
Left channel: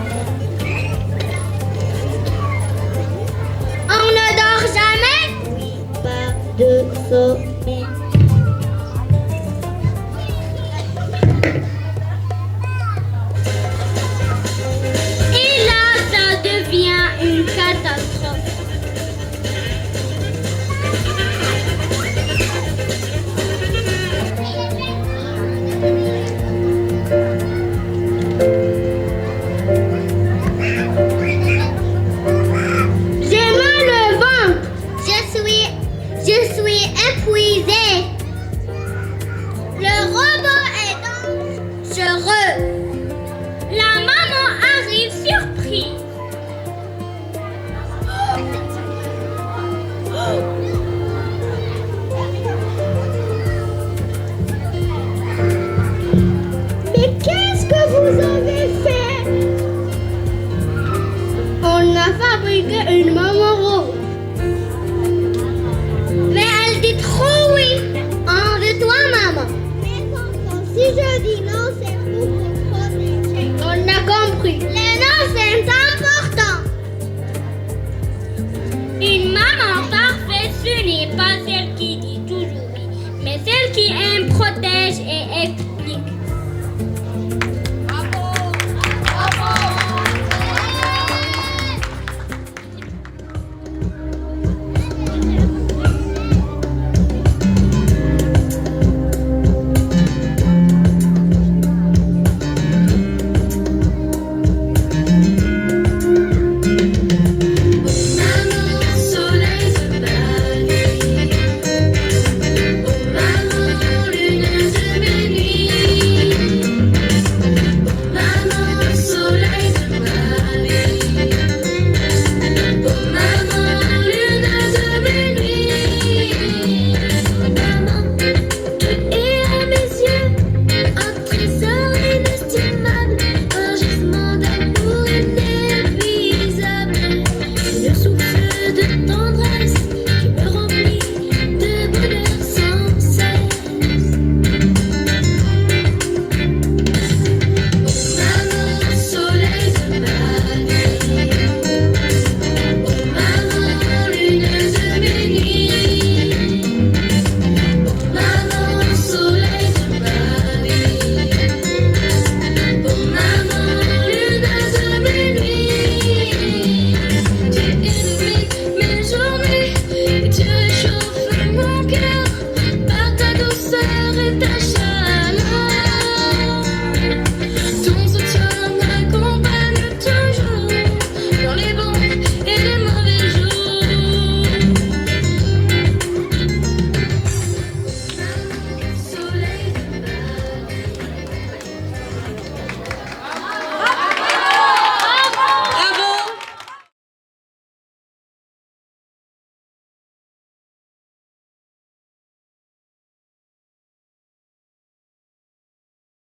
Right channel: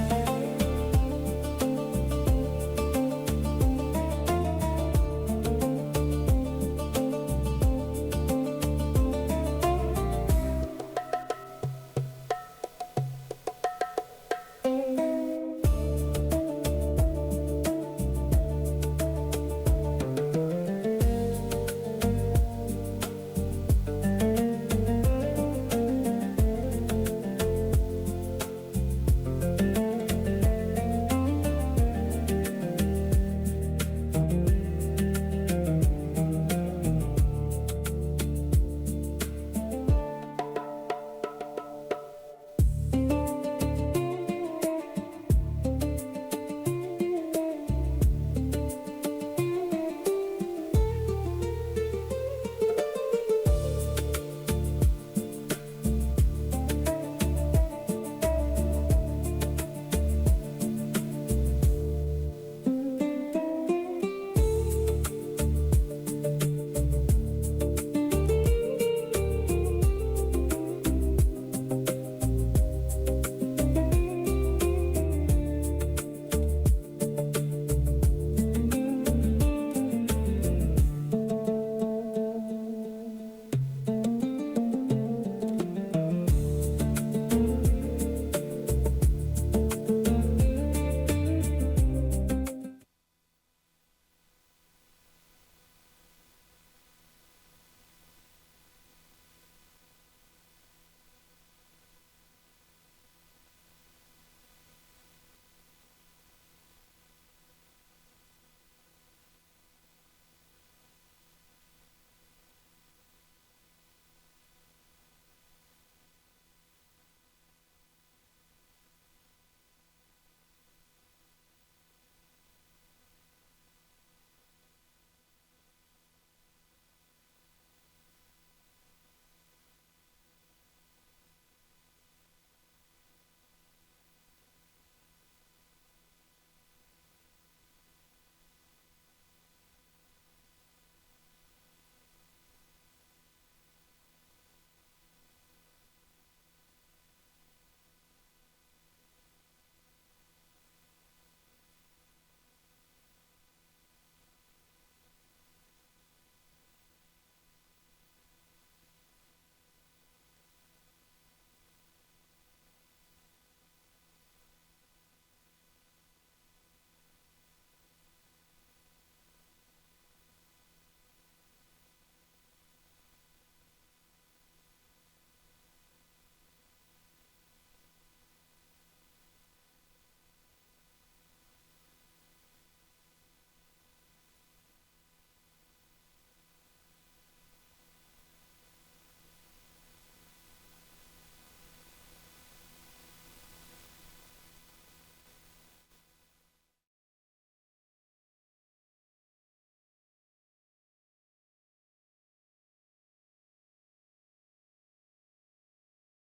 On ne dort jamais. Oui, pas de sommeil. Et là, ça devient une catastrophe. J'ai mal au ventre. Je suis épuisée.